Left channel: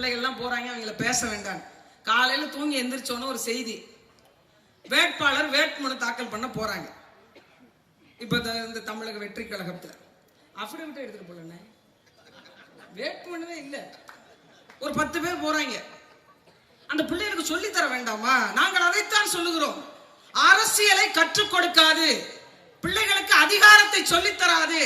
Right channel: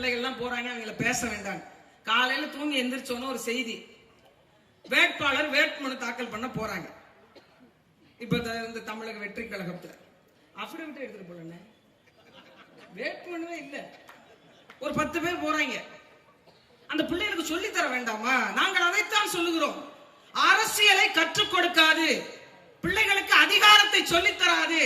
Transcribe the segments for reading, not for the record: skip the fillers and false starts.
பிள்ளைகள்லாம் போறாங்க, அவங்கள பேச வேண்டாம். காலையில தூங்கி எந்திரிச்சோன்னு ஒரு செய்தி, வேட்பாளர் வேட்புமனு தாக்கல் பண்ண போறாங்க. இப்ப இந்த தமிழக வெற்றி கழகத்துல அபிடவிட் எடுத்துட்டு போல, வேட்புமனுவே இல்ல. ஒரு 10 பேர் போறாங்க. அந்த பிள்ளைகளுக்கு சொல்லி தர வேண்டாமா? நாங்கள் அதைத்தான் சொல்லுகிறோம். அரசியலை கற்றுக் கொடுக்காது, பிள்ளைகளுக்கு அதிகாரத்தை சொல்லித் தராது.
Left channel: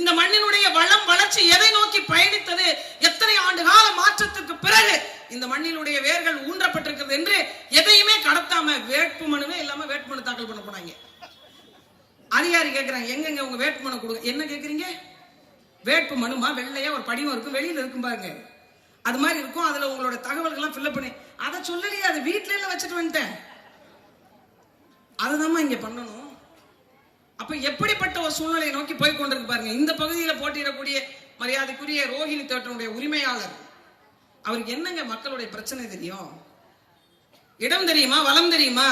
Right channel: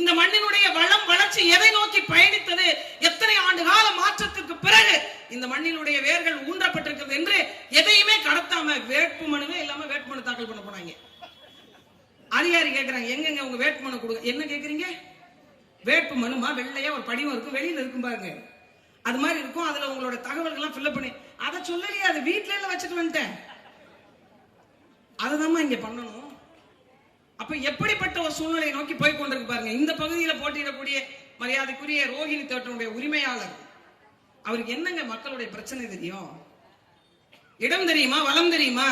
இந்த மண்ணினுடைய வளம் வளர்ச்சி எதை நோக்கி பயணித்தது, எத்தனை ஆண்டு கால மாற்றத்துக்கு பிறகு இந்த மண்ணினுடைய வேர்கள் ஊன்றப்பட்டிருக்கிறது என்று எதையுமே கடத்தாம வேட்புமனுவே இல்லாம வேட்புமனு தாக்கல் பண்ண போனாங்க. அதிகாரி கேட்கிறாங்க, எங்க உங்க வேட்புமனு கொடுங்க. என்ன கேட்கறீங்க? வேட்பு மனுமா? வெள்ளையா ஒரு படிவம் இருக்கும், வெளியில இருக்கும் பாருங்க, அது மாதிரி இருக்கும். அதுல உங்களோட தகவல்கள்லாம் ஃபில்அப் பண்ணி, அதை சொல்லலையே, அதை வீட்டுல எல்லாம் வச்சுட்டு வந்துட்டேன். அதுதான் இங்க பண்ணணும். அப்ப எப்படிப்பட்ட ஒரு சூழ்நிலையை நோக்கி போய் கொண்டிருக்கு பாருங்க. இந்த பகுதியில் போட்டியிடக்கூடிய மரியாதைக்குரிய ரோஹிணி தோட்டனுடைய உரிமையாளர், அவருக்கு என்னங்க மக்களுடைய பிரச்சனை தெரியும்? இடம் தெரியுமா? வளம் தெரியுமா?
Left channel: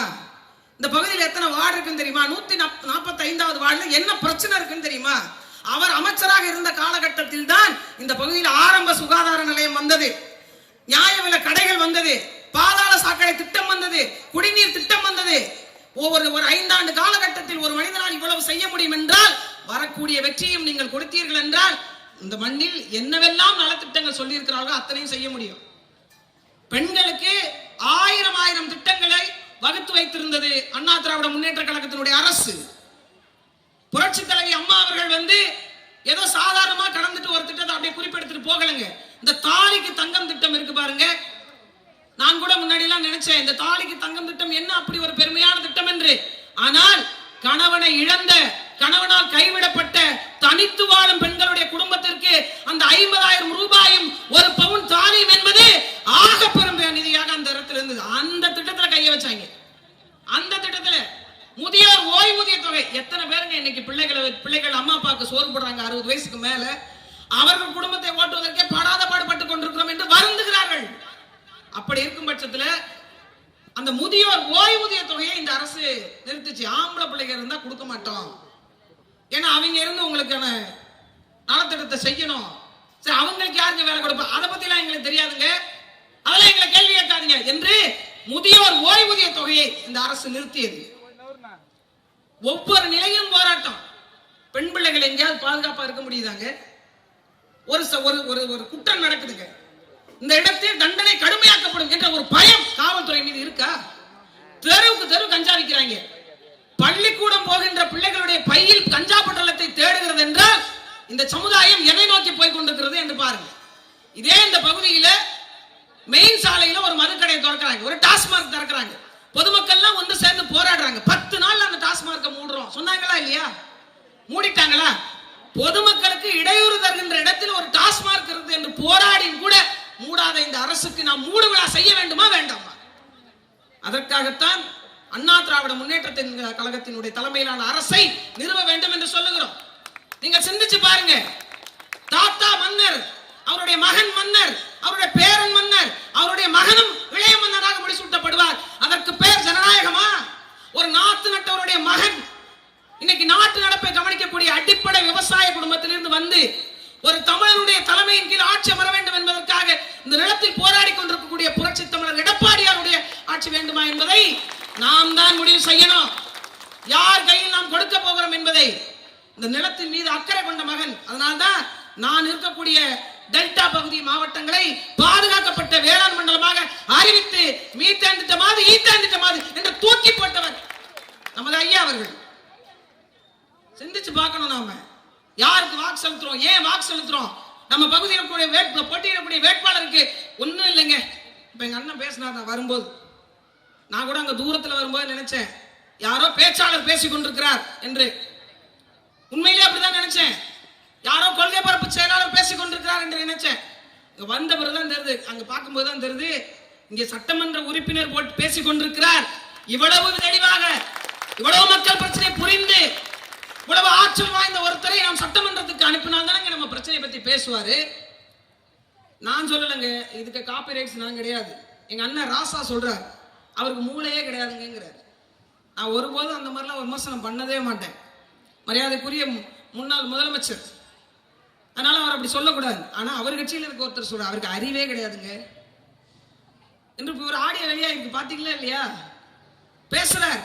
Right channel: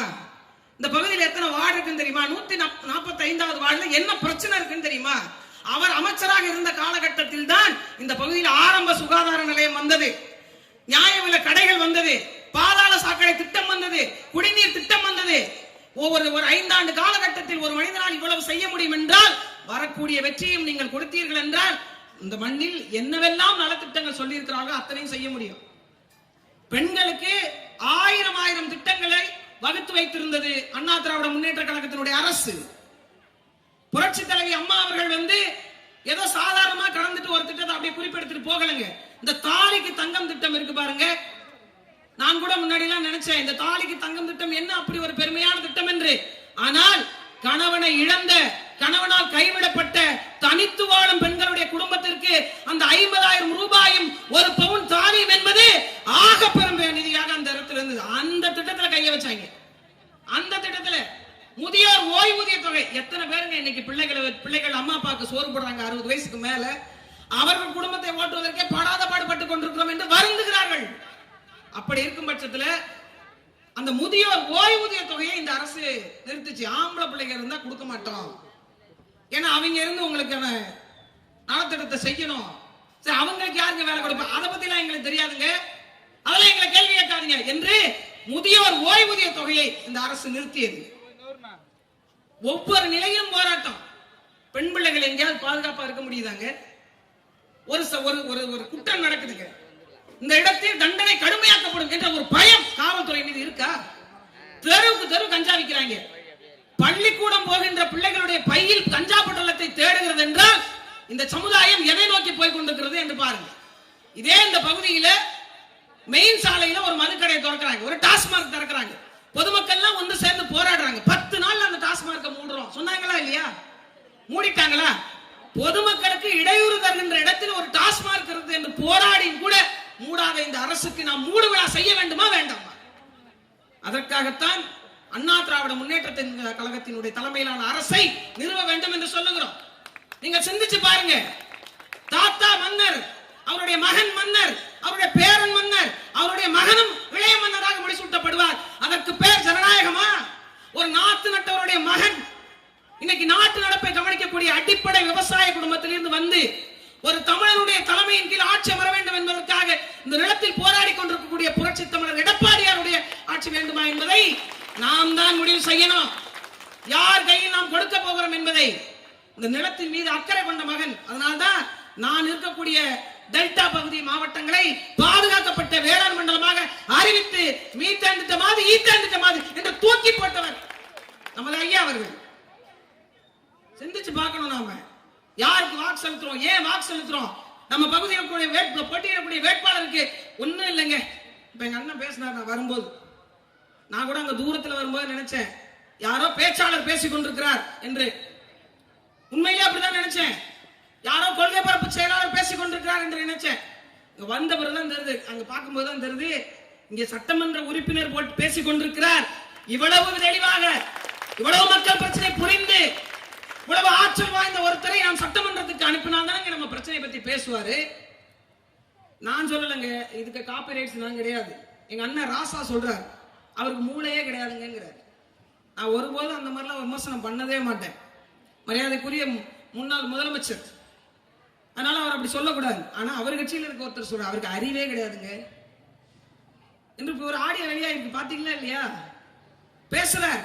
இந்த பகுதியில் எத்தனை வார்டு இருக்குன்னு தெரியுமா? 145வது வார்டுல என்ன பிரச்சனை இருக்குன்னு தெரியுமா? அவர் அமைச்சராக இருந்த காலகட்டத்தில் தான் இந்த பகுதியில் ஆரம்ப சுகாதார நிலையம் வந்தது, நியாய விலை கடைகள் வந்தது, பாதாள சாக்கடை திட்டம் வந்தது, குடிநீர் திட்டம் வந்தது. ஒரு 5 ஆண்டு காலகட்டத்தில் ஒரு மனிதனால் இவ்வளவு செய்ய முடியும் என்றால், வரக்கூடிய வெற்றியும் நீங்கள் கொடுத்தீர்கள் என்றால், இந்த மண்ணில் என்னவெல்லாம் நலத்திட்டங்கள் சொல்லி இருக்கிறார்களோ அத்தனையும் செய்ய முடியும். பெண்களுக்கு 1000 திட்டங்களை வகுத்து வைத்திருந்தது அண்ணா திராவிட முன்னேற்ற கழகத்தினுடைய அரசு. புரட்சி தலைவி அம்மா அவர்கள் ஏதோ சாதாரணமா கடந்துட்டு ஒரு திட்டத்தை அப்படியே குறிப்பெடுத்துட்டு போகலங்க. இந்த தாலிக்கு தங்கம் திட்டம் இருக்கு பாருங்க. நான் கூட முன்னாடி எல்லாம் நினைச்சேன், இந்த தாலிக்கு தங்கம் திட்டம் என்ன அப்படி ஒரு பெருமையான திட்டம் என்று. ஆனால் கணவனை இழந்த, கணவனால் கைவிடப்பட்ட தனித்து வாழும் பெண்களுடைய குடும்பத்திற்கு அந்த 50,000 ரூபாயும் ஒரு பவுன் தாலியும் என்பது ஆக பெரும் நிதியாக அந்த இடத்துல இருந்தது. அந்த திட்டத்துல கைய வச்சாங்க. அந்த திட்டத்துல முதியோர் ஓய்வூதிய தொகை, எத்தனை பேருங்க இன்னைக்கு பிள்ளைகள் அம்மா அப்பாவுக்கு சோறு போடுறாங்க 60 வயசுக்கு மேல, அவர்கள் குடும்பத்தை ஓட்டுவதற்கே படாத பாடுபட்டுக் கொண்டிருக்கிறோம் என்று வருந்துகிறார்கள். அப்படி இருக்கும் பட்சத்துல அந்த முதியோர் ஓய்வூதிய தொகையை இந்த அரசு நிறுத்திச்சு. ஆம்பளை பிள்ளைங்க இருந்தா கொடுக்க மாட்டோம், ஏன்னா அவங்க இருந்து உங்களுக்கு நலத்திட்டத்தை செய்யணும். சரி, அவங்களுக்கு யாருங்க வேலை கொடுப்பா? அதை பத்தி எல்லாம் எங்களுக்கு தெரியாதுங்க, அதெல்லாம் எங்களை கேள்வி கேட்காதுங்க என்று முதியோர் ஓய்வூதிய தொகையை இந்த அரசு நிறுத்தியது. ஒவ்வொரு நிலையும் போராட்டம். பெண் பிள்ளைகள் எங்கேயாவது பாதுகாப்பா இருக்க முடியுதாங்க? ஒரு குற்றம் நடக்குதுங்க, இந்த இடத்தில் தண்டனை கடுமையாக்கப்படும் என்ற ஒரு பயம் காவல்துறை மீது இருக்கா? தெருவுக்கு தெரு கஞ்சா விற்கிறாங்க. பள்ளிக்கூடம் போகின்ற பிள்ளைகளுடைய பையில் கஞ்சா பொட்டலத்தை தேடுகிறது என்றால் இந்த சமுதாயம் எதை நோக்கி போய் கொண்டிருக்கிறது என்று பாருங்க. இதே இந்த பகுதியில மெயின் சாலையில ஒரு மதுக்கடையை திறக்கிறாங்க, ஒரு டாஸ்மார்க் திறக்கிறாங்க. பொதுமக்கள் எல்லாம் ஒன்று சேர்ந்து போராடுறாங்க. 10 நாள் அந்த டாஸ்மார்க்கை மூடுறோம் சொன்னாங்களா இல்லையா? மூடிட்டாங்களா? பொதுமக்களுக்கு இடையூறு தருகின்ற இடத்தில் ஒரு டாஸ்மார்க் இருக்கு என்று போராடியும் கூட மூடாத இந்த அரசுக்கு நாம் மூடு விழா செய்ய வேண்டுமா வேண்டாமா? அதற்காகத்தான் அண்ணா திராவிட முன்னேற்ற கழகத்தினுடைய தலைமையிலான அரசை நிறுவ வேண்டும் என்று சொல்லுகிறோம். நீங்க சிந்திச்சு பாருங்க. தாத்தா மன்னர், அவருடைய மகன் மன்னர், அவருடைய பேரன் மன்னர், அவருடைய மகனும் இளைய மன்னராக முடிசூட்டப்படுவார். அதற்கு பேர் ஜனநாயகமா? ஒரு நாட்டு நட்டவருடைய மகன் இன்னைக்கு நாட்டு நடப்பை கவனிக்கக்கூடிய அடிப்படை விவசாய குடும்பத்திலிருந்து ஒரு தமிழனுடைய தலைமையின் கீழ் ஆட்சி அமர வேண்டும் என்பதற்காக இந்த நிலத்தில் போராடி கொண்டிருக்கக்கூடிய புரட்சி தமிழர் எடப்பாடியாருடைய ஆட்சி வேண்டுமா என்பதை நாம் தான் முடிவு செய்யணும். யார் கையில் நாம் கொடுக்க போகிறோம் என்பதை. இந்த நிலத்தின் மீது அக்கறை கொண்ட மகன். அதனால்தான் நான் இருக்கக்கூடிய டெல்டா பகுதி மாவட்டங்களை பாதுகாக்கப்பட்ட வேளாண் மண்டலமாக அறிவித்து மீத்தேன் திட்டமாது ஈத்தேன் திட்டமாது என்று தூக்கி போட்டவர் நமது ஐயா அவர்கள். சிந்திச்சு பார்க்கணும், நாம யாருக்கு வாக்கு செலுத்துறோம், ஏன் வாக்கு செலுத்துறோம். நம்ம பகுதியில் போட்டியிடக்கூடிய வேட்பாளருக்கு ஒன்னும் இல்லைங்க. இப்ப எங்க அண்ணன் பேசினார், நான் வரும்போது நான் கூட அங்க தூரத்துல வரும்போது நினைச்சேன், யாரோ பேச்சாளர் பேசிக் கொண்டிருக்கிறார் என்று. உண்மையிலே அப்படிதான் நினைச்சேன், யாரோ கொள்கை பரப்பு செயலாளர் பேசிக் கொண்டிருக்கிறார் என்று நினைச்சேன். இங்க வந்த பிறகுதான் தெரியுது, அங்க பார்க்கும்போது தான் தெரியுது, இங்க சட்டமன்ற உறுப்பினர் போட்டு பேசிக் கொண்டிருக்கிறார். இவ்வளவு தெளிவாக, இவ்வளவு மக்கள் பிரச்சனை புரிந்து, இவ்வளவு ஆற்றல் வாய்ந்த ஒருத்தரை நாம் சட்டமன்றத்துக்கு அனுப்பினால்தானங்க நம்ம பிரச்சனை பத்தி பேசுவாரு. நான் சொல்லலைங்க, இதுக்கு காப்பி ரைட்ஸ் நான் கிடையாது. எங்க அண்ணன் ராசா சொல்றாரு, அவருக்கு மூளையே கிடையாதுங்கிறாரு. நான் ஒருபோதும் அந்த மாதிரிலாம் விமர்சனம் பண்ணதே மாட்டேன். மரியாதைக்குரிய முன்னாள் முதலமைச்சர், அதனால அவர் அப்படி சொல்லக்கூடாது. ஆனா அவர் கட்சியில் இருக்க ஒருத்தர் சொல்ற, அவருக்கு அறிவே கிடையாதுங்க. என்று ஒரு ஆடியோ வெளியாயிருக்கு, பாத்தீங்களா இல்லையா? பேசுறார்,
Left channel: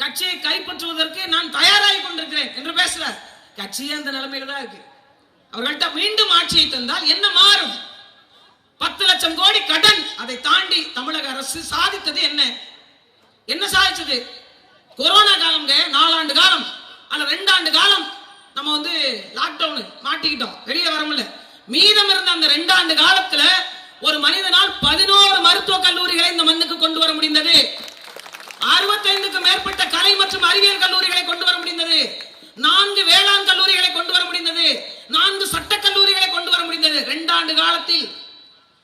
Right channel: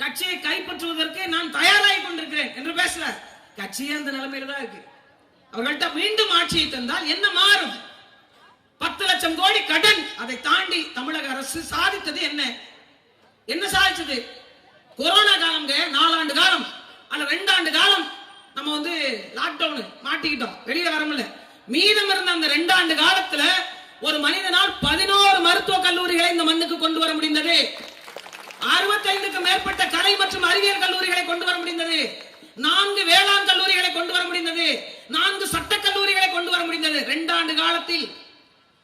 கட்சியை கைப்பற்றுவதற்கு நான் தயாராகி கொண்டிருக்கிறேன் என்று பேசுறார். கட்சியே அந்த நிலைமையில தான் இருக்கு. அவர்கள்ட்ட மீண்டும் ஆட்சியை தந்தால் என்ன மாறும்? 10 லட்சம் கோடி கடன். அதை தாண்டி தமிழக அரசு சாதித்தது என்ன? என்ன சாதிச்சது? கொரோனா காலம் 4 ஆண்டு காலம் அல்ல 2 ஆண்டு காலம் நம்ம லாக்டவுன் மாட்டிக்கிட்டோம், வெளியில வர முடியல. மீதம் இருந்த அந்த 2 ஆண்டு காலத்துல ஒரு மனிதனால் 11 மருத்துவ கல்லூரிகளை இந்த மண்ணுக்கு கொண்டு வர முடிந்தது. 65க்கும் மேற்பட்ட கலை மற்றும் அறிவியல் கல்லூரிகளை கொண்டு வர முடிந்தது. 4 வேளாண் கல்லூரிகளை கொண்டு வர முடிந்தது. 4 சட்ட கல்லூரிகளை கொண்டு வர முடிந்தது. 2 ஆண்டு காலத்தில்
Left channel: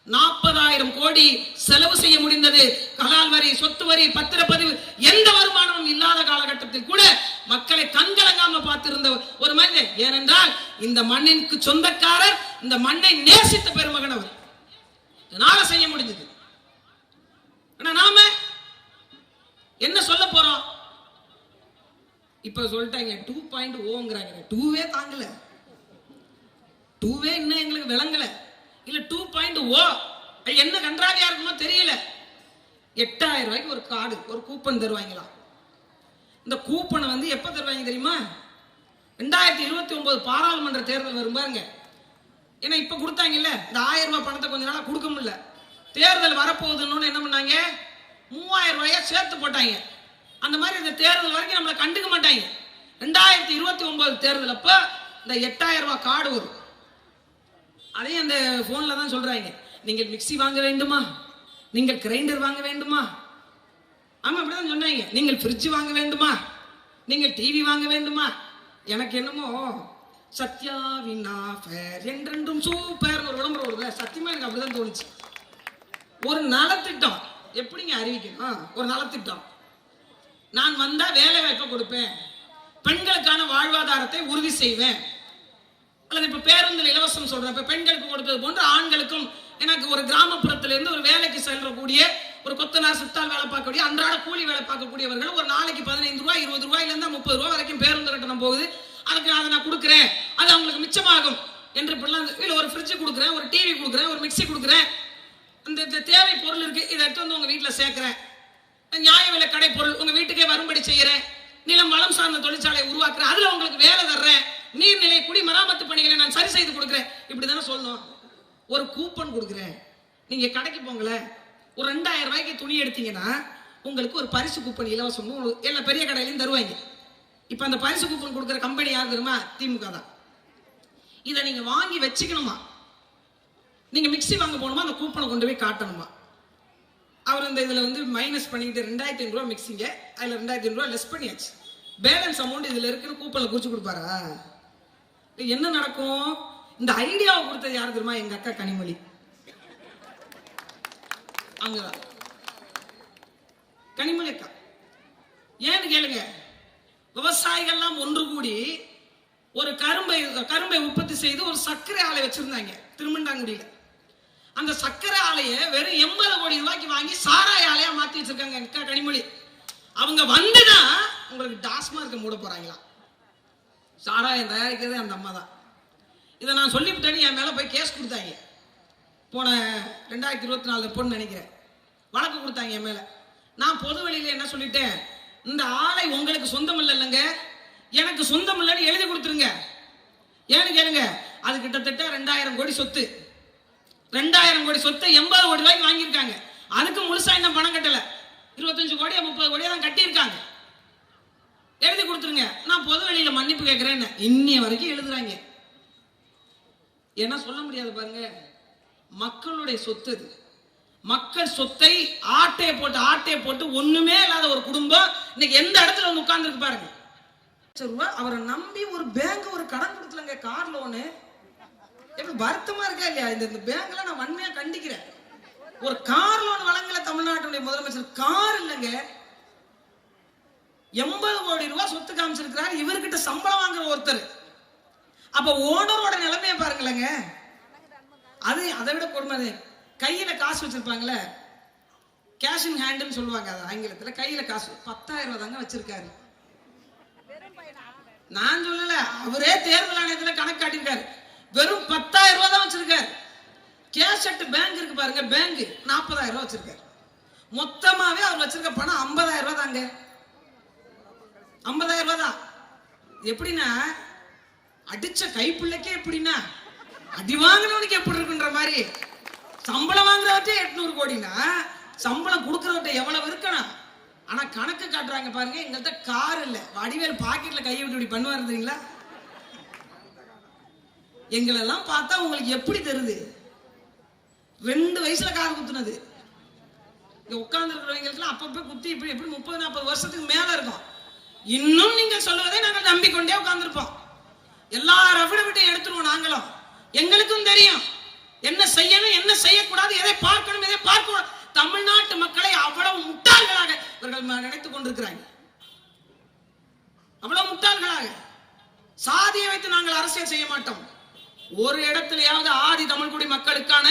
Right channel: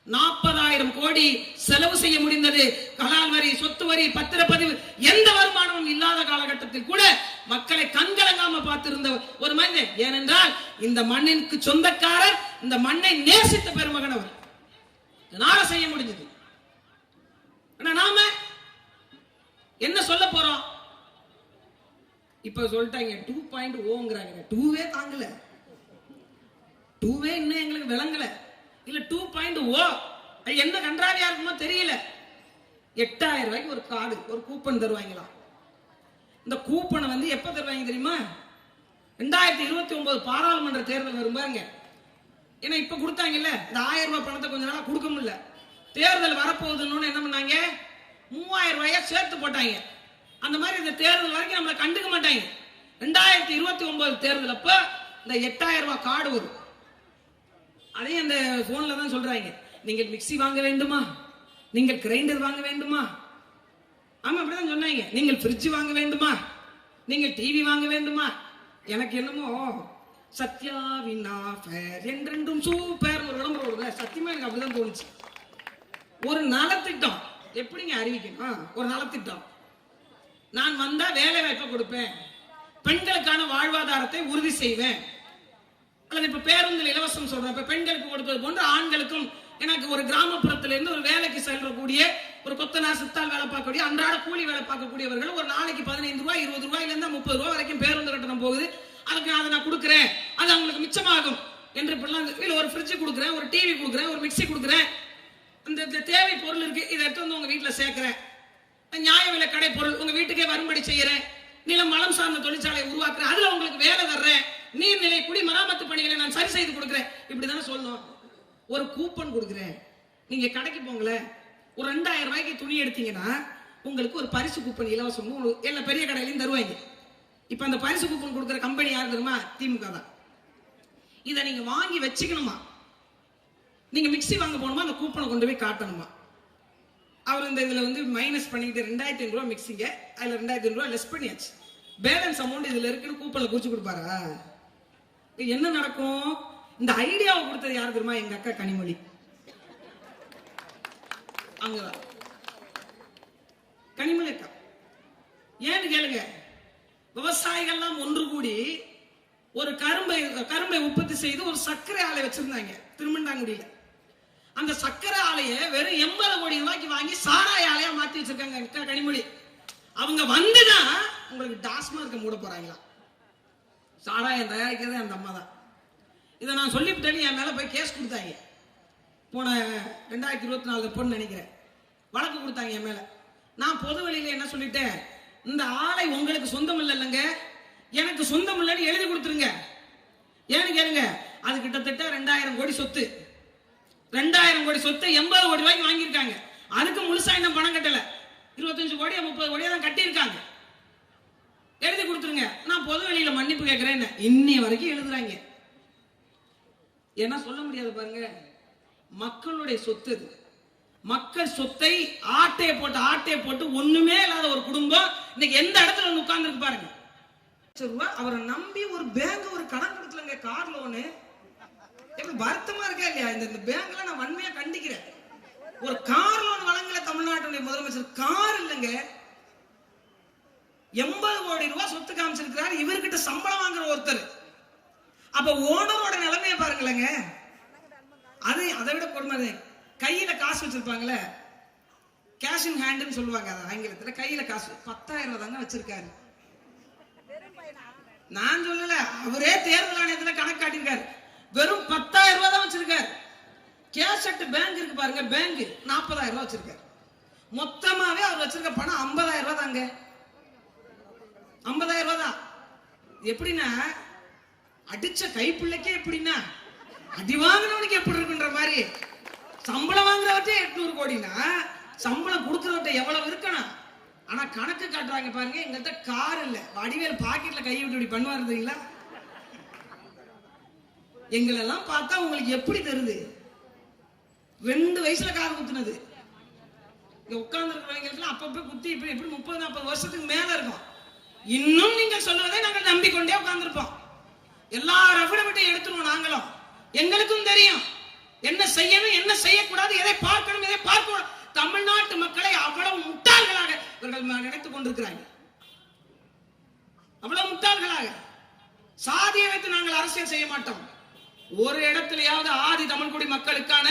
40,000 கோடி செலவு செய்ய முடிந்தது. கலால் வரி, சொத்து வரி, பத்திரப்பதிவு, எந்த வருமானமும் இல்லாத காலகட்டத்தில் கூட மக்களை கண்கலங்காம பார்த்திருந்த ஒரு மனிதன். ஏனென்றால் இந்த மண்ணிற்கு சொந்தக்காரர், இந்த மண்ணை நேசித்த பெருமகன் அவர். இதனால செய்ய முடிஞ்சது. நாம என்ன சொல்ல போறோம்? இப்ப சொல்லிட்டாங்க 2.0ங்கறாங்க. 2வே தாங்கல, 2வே இன்னும் எங்களுக்கு விளங்கல. இல்ல 2.0 என்ன கன்றாவியா இருக்குமோ தெரியல. 8,000 ரூபாய்க்கு ஒரு கார்டு, ஒரு கூப்பன் தருவாங்களாம். இந்த கூப்பனை எப்ப தருவாங்க தெரியுமா? 2029 பாராளுமன்ற தேர்தல் வரும் பாருங்க. ஏன்னா இப்ப கொடுத்தாங்கல்ல, இந்த 1000 ரூபாய் பணத்தை கொஞ்ச நாளா கொடுக்க முடியல. தேர்தல் வரப்போகுதுன்னு என்ன பண்ணாங்க? 3000 ரூபாய சேர்த்து போட்டாங்க. அந்த மாதிரி இந்த தேர்தல் வரைக்கும் நம்மளை கண்டுக்க மாட்டாங்க. 2029 தேர்தல் அப்ப இந்த 8,000 ரூபாய் கார்டு வரும். அதையும் அந்த போன்ல தான் சொல்றாங்க, நீங்கள் மிக்சி வாங்க வேண்டுமா, நீங்கள் கிரைண்டர் வாங்க வேண்டுமா, ஆமா அப்படிதான் சொன்னாங்க, நீங்கள் ஃப்ரிட்ஜ் வாங்க வேண்டுமா, நீங்கள் டிவி வாங்க வேண்டுமா. எனக்கு என்னமோ சத்யாவின் ஆஃபர் என்றென்றும் சூப்பர் ஒரு விளம்பரம் வருது. சத்தியமா எனக்கு அப்படிதான் தோணுச்சு. ஒரு நலத்திட்டம் எப்படிங்க அறிவிக்கணும்? ஒரு நலத்திட்டம், நான் வந்தா வேலை வாய்ப்பை கொடுப்பேன், பெண்களுக்கான வாழ்வாதாரத்தை உறுதி செய்வேன், அல்லது இப்ப பேருந்தில் இலவசம் சொல்றேன், இப்ப பெண்களுக்கு கொடுத்தது போன்று ஆண்களுக்கும். எனக்கு ஒரு கிராமப்புறத்துல இருந்து ஒரு வேலைக்கு செல்லக்கூடிய ஒரு கொத்தனார், சித்தால் வேலை பார்க்கக்கூடிய, அன்றாட கூலி வேலை பார்க்கக்கூடியவர்கள் ஒரு நாளைக்கு 15 ரூபாய், 20 ரூபாயில இருந்து 30 ரூபாய் வரைக்கும் பேருந்து கட்டணம் போகுது. அதுக்கு அதை நான் கொடுக்குறேன், அது அவங்களுக்கு மிச்சமாகும் என்று இல்ல ஒரு ஃப்ரிட்ஜ் கொடுக்குறேன், ஒரு டிவி கொடுக்குறேன், ஒரு மிக்சி கொடுக்குறேன், இந்த தேவை பொருள் இருக்கு, இதை எடுத்து உங்க வீட்டுல சேர்க்கிறேன், நியாய விலை கடை பொருள் உங்க வீட்டுக்கே வரும்படி செய்யறேன், நிலம் வளம் சார்ந்த தொழிற்சாலை உருவாக்குறேன், அதுல உங்களுக்கு வேலை தர்றேன், நீர்நிலை குடிமராமத்து பணிகளை நான் சரி செய்து கொடுக்குறேன். இப்படிதானே சொல்லணும். ஒரு கூப்பன் கொடுக்குறேன், நீங்க கடைக்கு போங்களேன், ஒரு 2000 ரூபாய்க்கு துணி எடுத்தீங்கன்னா உங்களுக்கு ஒரு பரிசு கூப்பன் இலவசம் எல்லா பெரிய கடையிலையும் தருவாங்க. இப்ப அந்த பரிசு கூப்பன் கொடுக்குற கம்பெனி யார் தெரியுமா? திமுக தான். இதை நீங்க வாங்கி வச்சுக்கணுமா? நீங்க மிக்சி வாங்க போகணுமா, அந்த கூப்பனை கொண்டு போய் காட்டணுமா? அவர் இந்த இதுல மைனஸ் பண்ணிக்கிட்டு 2,500 ரூபாய் மிக்சிங்க, அதுல 2,500 ரூபாய் லெஸ் பண்ணியாச்சு, பேலன்ஸ் அமௌண்ட் இதுல இருக்குன்னு கூப்பன்ல குறிச்சு கொடுப்பாரா? என்ன நடக்கும்? இந்த ஐடியாவை கொடுத்தது யாரு தெரியுமா? எங்க அக்கா கனிமொழி. அங்கதான் கனிமொழி அக்கா. ஏன்னு கேளுங்க, விவசாயிகள்லாம் ஒன்று கூடி ஒரு கரும்பை உற்பத்தி செய்து ஒரு சர்க்கரை ஆலை வச்சிருந்தாங்க திருமண்டாங்குடியில. அந்த சர்க்கரை ஆலையை வெறும் 80 கோடி ரூபாய்க்கு வாங்கி சாராய ஆலையா மாத்தி வச்சிருக்காங்க அக்கா கனிமொழி. அவங்க வந்துதான் உங்களுக்கு டாஸ்மார்க் மூட போறாங்களா? சாராயம் தயாரிக்கிறது அந்த அம்மா தான். இதை நான் சொல்லிவிட்டேன்னு என் மேல போய் கேஸ் கொடுத்தாங்க. போன 2024 பொண்ணு நினைக்கிறேன், வழக்கு கொடுத்தாங்க என் மேல. நான் பொது வழியில என்ன சொல்லிட்டேன், இந்த ஆலை உங்களுக்கு சொந்தம் இல்லைங்க, எனக்கு சொந்தம் இல்லைன்னு எழுதி கொடுத்துருங்க. ஏன்னு கேளுங்க, அது கிட்டத்தட்ட 2,000 கோடி சொத்து. 2,000 கோடி சொத்தை 80 கோடி ரூபாய்க்கு வாங்கியிருக்காங்க. அதுக்கு முழுசா இன்னும் பணம் கட்டல, 25 கோடியா 30 கோடியா தான் கட்டியிருக்காங்க. எழுதி கொடுத்துருங்க, நான் பொது வெளியில மன்னிப்பு கேட்கிறேன். இன்னைய வரைக்கும் எழுதுறாங்க. என்ன சொல்ல முடியாது பாருங்க, மக்களுடைய சொத்து. மக்கள் சொத்தை ஆட்டையை போட்டு ஒண்ணுமே இல்லாத ஒரு குடும்பம் இன்னைக்கு எந்த இடத்துல உட்கார்ந்து இருக்கு பாருங்க. அவரை நம்பி ஒரு பேங்க் ஒரு கடன் கொடுக்கலங்க, கார் லோனு. எப்படி வருத்தமா இருக்கா இல்லையா? இந்த பேங்க்ல நான் வன்மையா கண்டிக்கிறேன். ஒரு கார் லோன் வழங்கல தமிழ்நாட்டுடைய முதலமைச்சர். கார் இல்லைங்க, 80 கோடி ரூபாய் சொத்து காமிச்சிருக்கிறார். இவர்கிட்ட சம்பளம் வாங்குற ஒருத்தர். அப்ப ஓனரோட நிலைமையை பாருங்களேங்க. அது அதை விட கொடுமை. கையில காசு வச்சிருப்பாங்களே, கேஷ் இன் ஹேண்ட்னு சொல்லுவாங்க ஆங்கிலத்துல. கையில காசு 10,000 ரூபாய் தாங்க வச்சிருக்காரு. நான் சொல்லல, அவரே தேர்தல் ஆணையத்துல கணக்கு காட்டியிருக்காரு. வெறும் 10,000 ரூபாய் தான் வச்சிருக்காரு. கேஷ் அட் பேங்க் இருக்கு பாருங்க, பேங்க் 40,000 ரூபாய் வச்சிருக்காரு. மொத்தமாவே அவர் வச்சிருக்க பணம் 50,000 ரூபாய் தாங்க. 50,000 ரூபாய் தான். எப்படின்னா அடிச்ச கைப்பிள்ளைக்கே எப்படின்னா அடி வாங்கினவனுக்கு எப்படி இருக்குன்ற மாதிரி, சம்பளம் வாங்குறவற்றை 800 கோடினா சம்பளம் கொடுக்கறவற்றை எவ்வளவு இருக்கணும். ஆனா கணக்கு காட்டுறாங்க பாருங்க. எங்கள்கிட்ட கார் இல்ல, வடிவேல் பாக்கெட்ல கையை விட்டு இப்படி பண்ணுவாரு இருந்தீங்களா? எங்களெல்லாம் பார்த்தா உங்களுக்கு எப்படி தெரியுது? 2 வயசுல கார் குத்துனது. இங்க உட்கார்ந்து இருக்கிறவங்களுக்கு அப்பப்ப குத்தி இப்படி எப்படி 30-40 வருஷத்துக்கு மேல இருக்கும். இன்னும் நீங்க சொல்லுவதை நாங்கள் நம்பிக்கொண்டே உட்கார்ந்துருப்போம். எல்லா ரவிடவிட்டையும் எடுத்துருவோம். நாங்களும் எங்களுக்கும் தெரியும் என்ன செய்யணும் என்ன செய்யக்கூடாது, எதை பார்க்கணும் எதை பார்க்கணும். தமிழ்நாட்டு மக்களை அவ்வளவு முட்டாள்களாக இவர்கள் நினைத்துக் கொண்டிருக்கிறாங்க. அவ்வளவு முட்டாள்களாக. சாதியை வைத்து நாங்கள் அரசியல் செய்ய மாட்டோம். ஒரு இடத்திலேயாவது ஆதி தமிழ்குடி மக்களுக்கான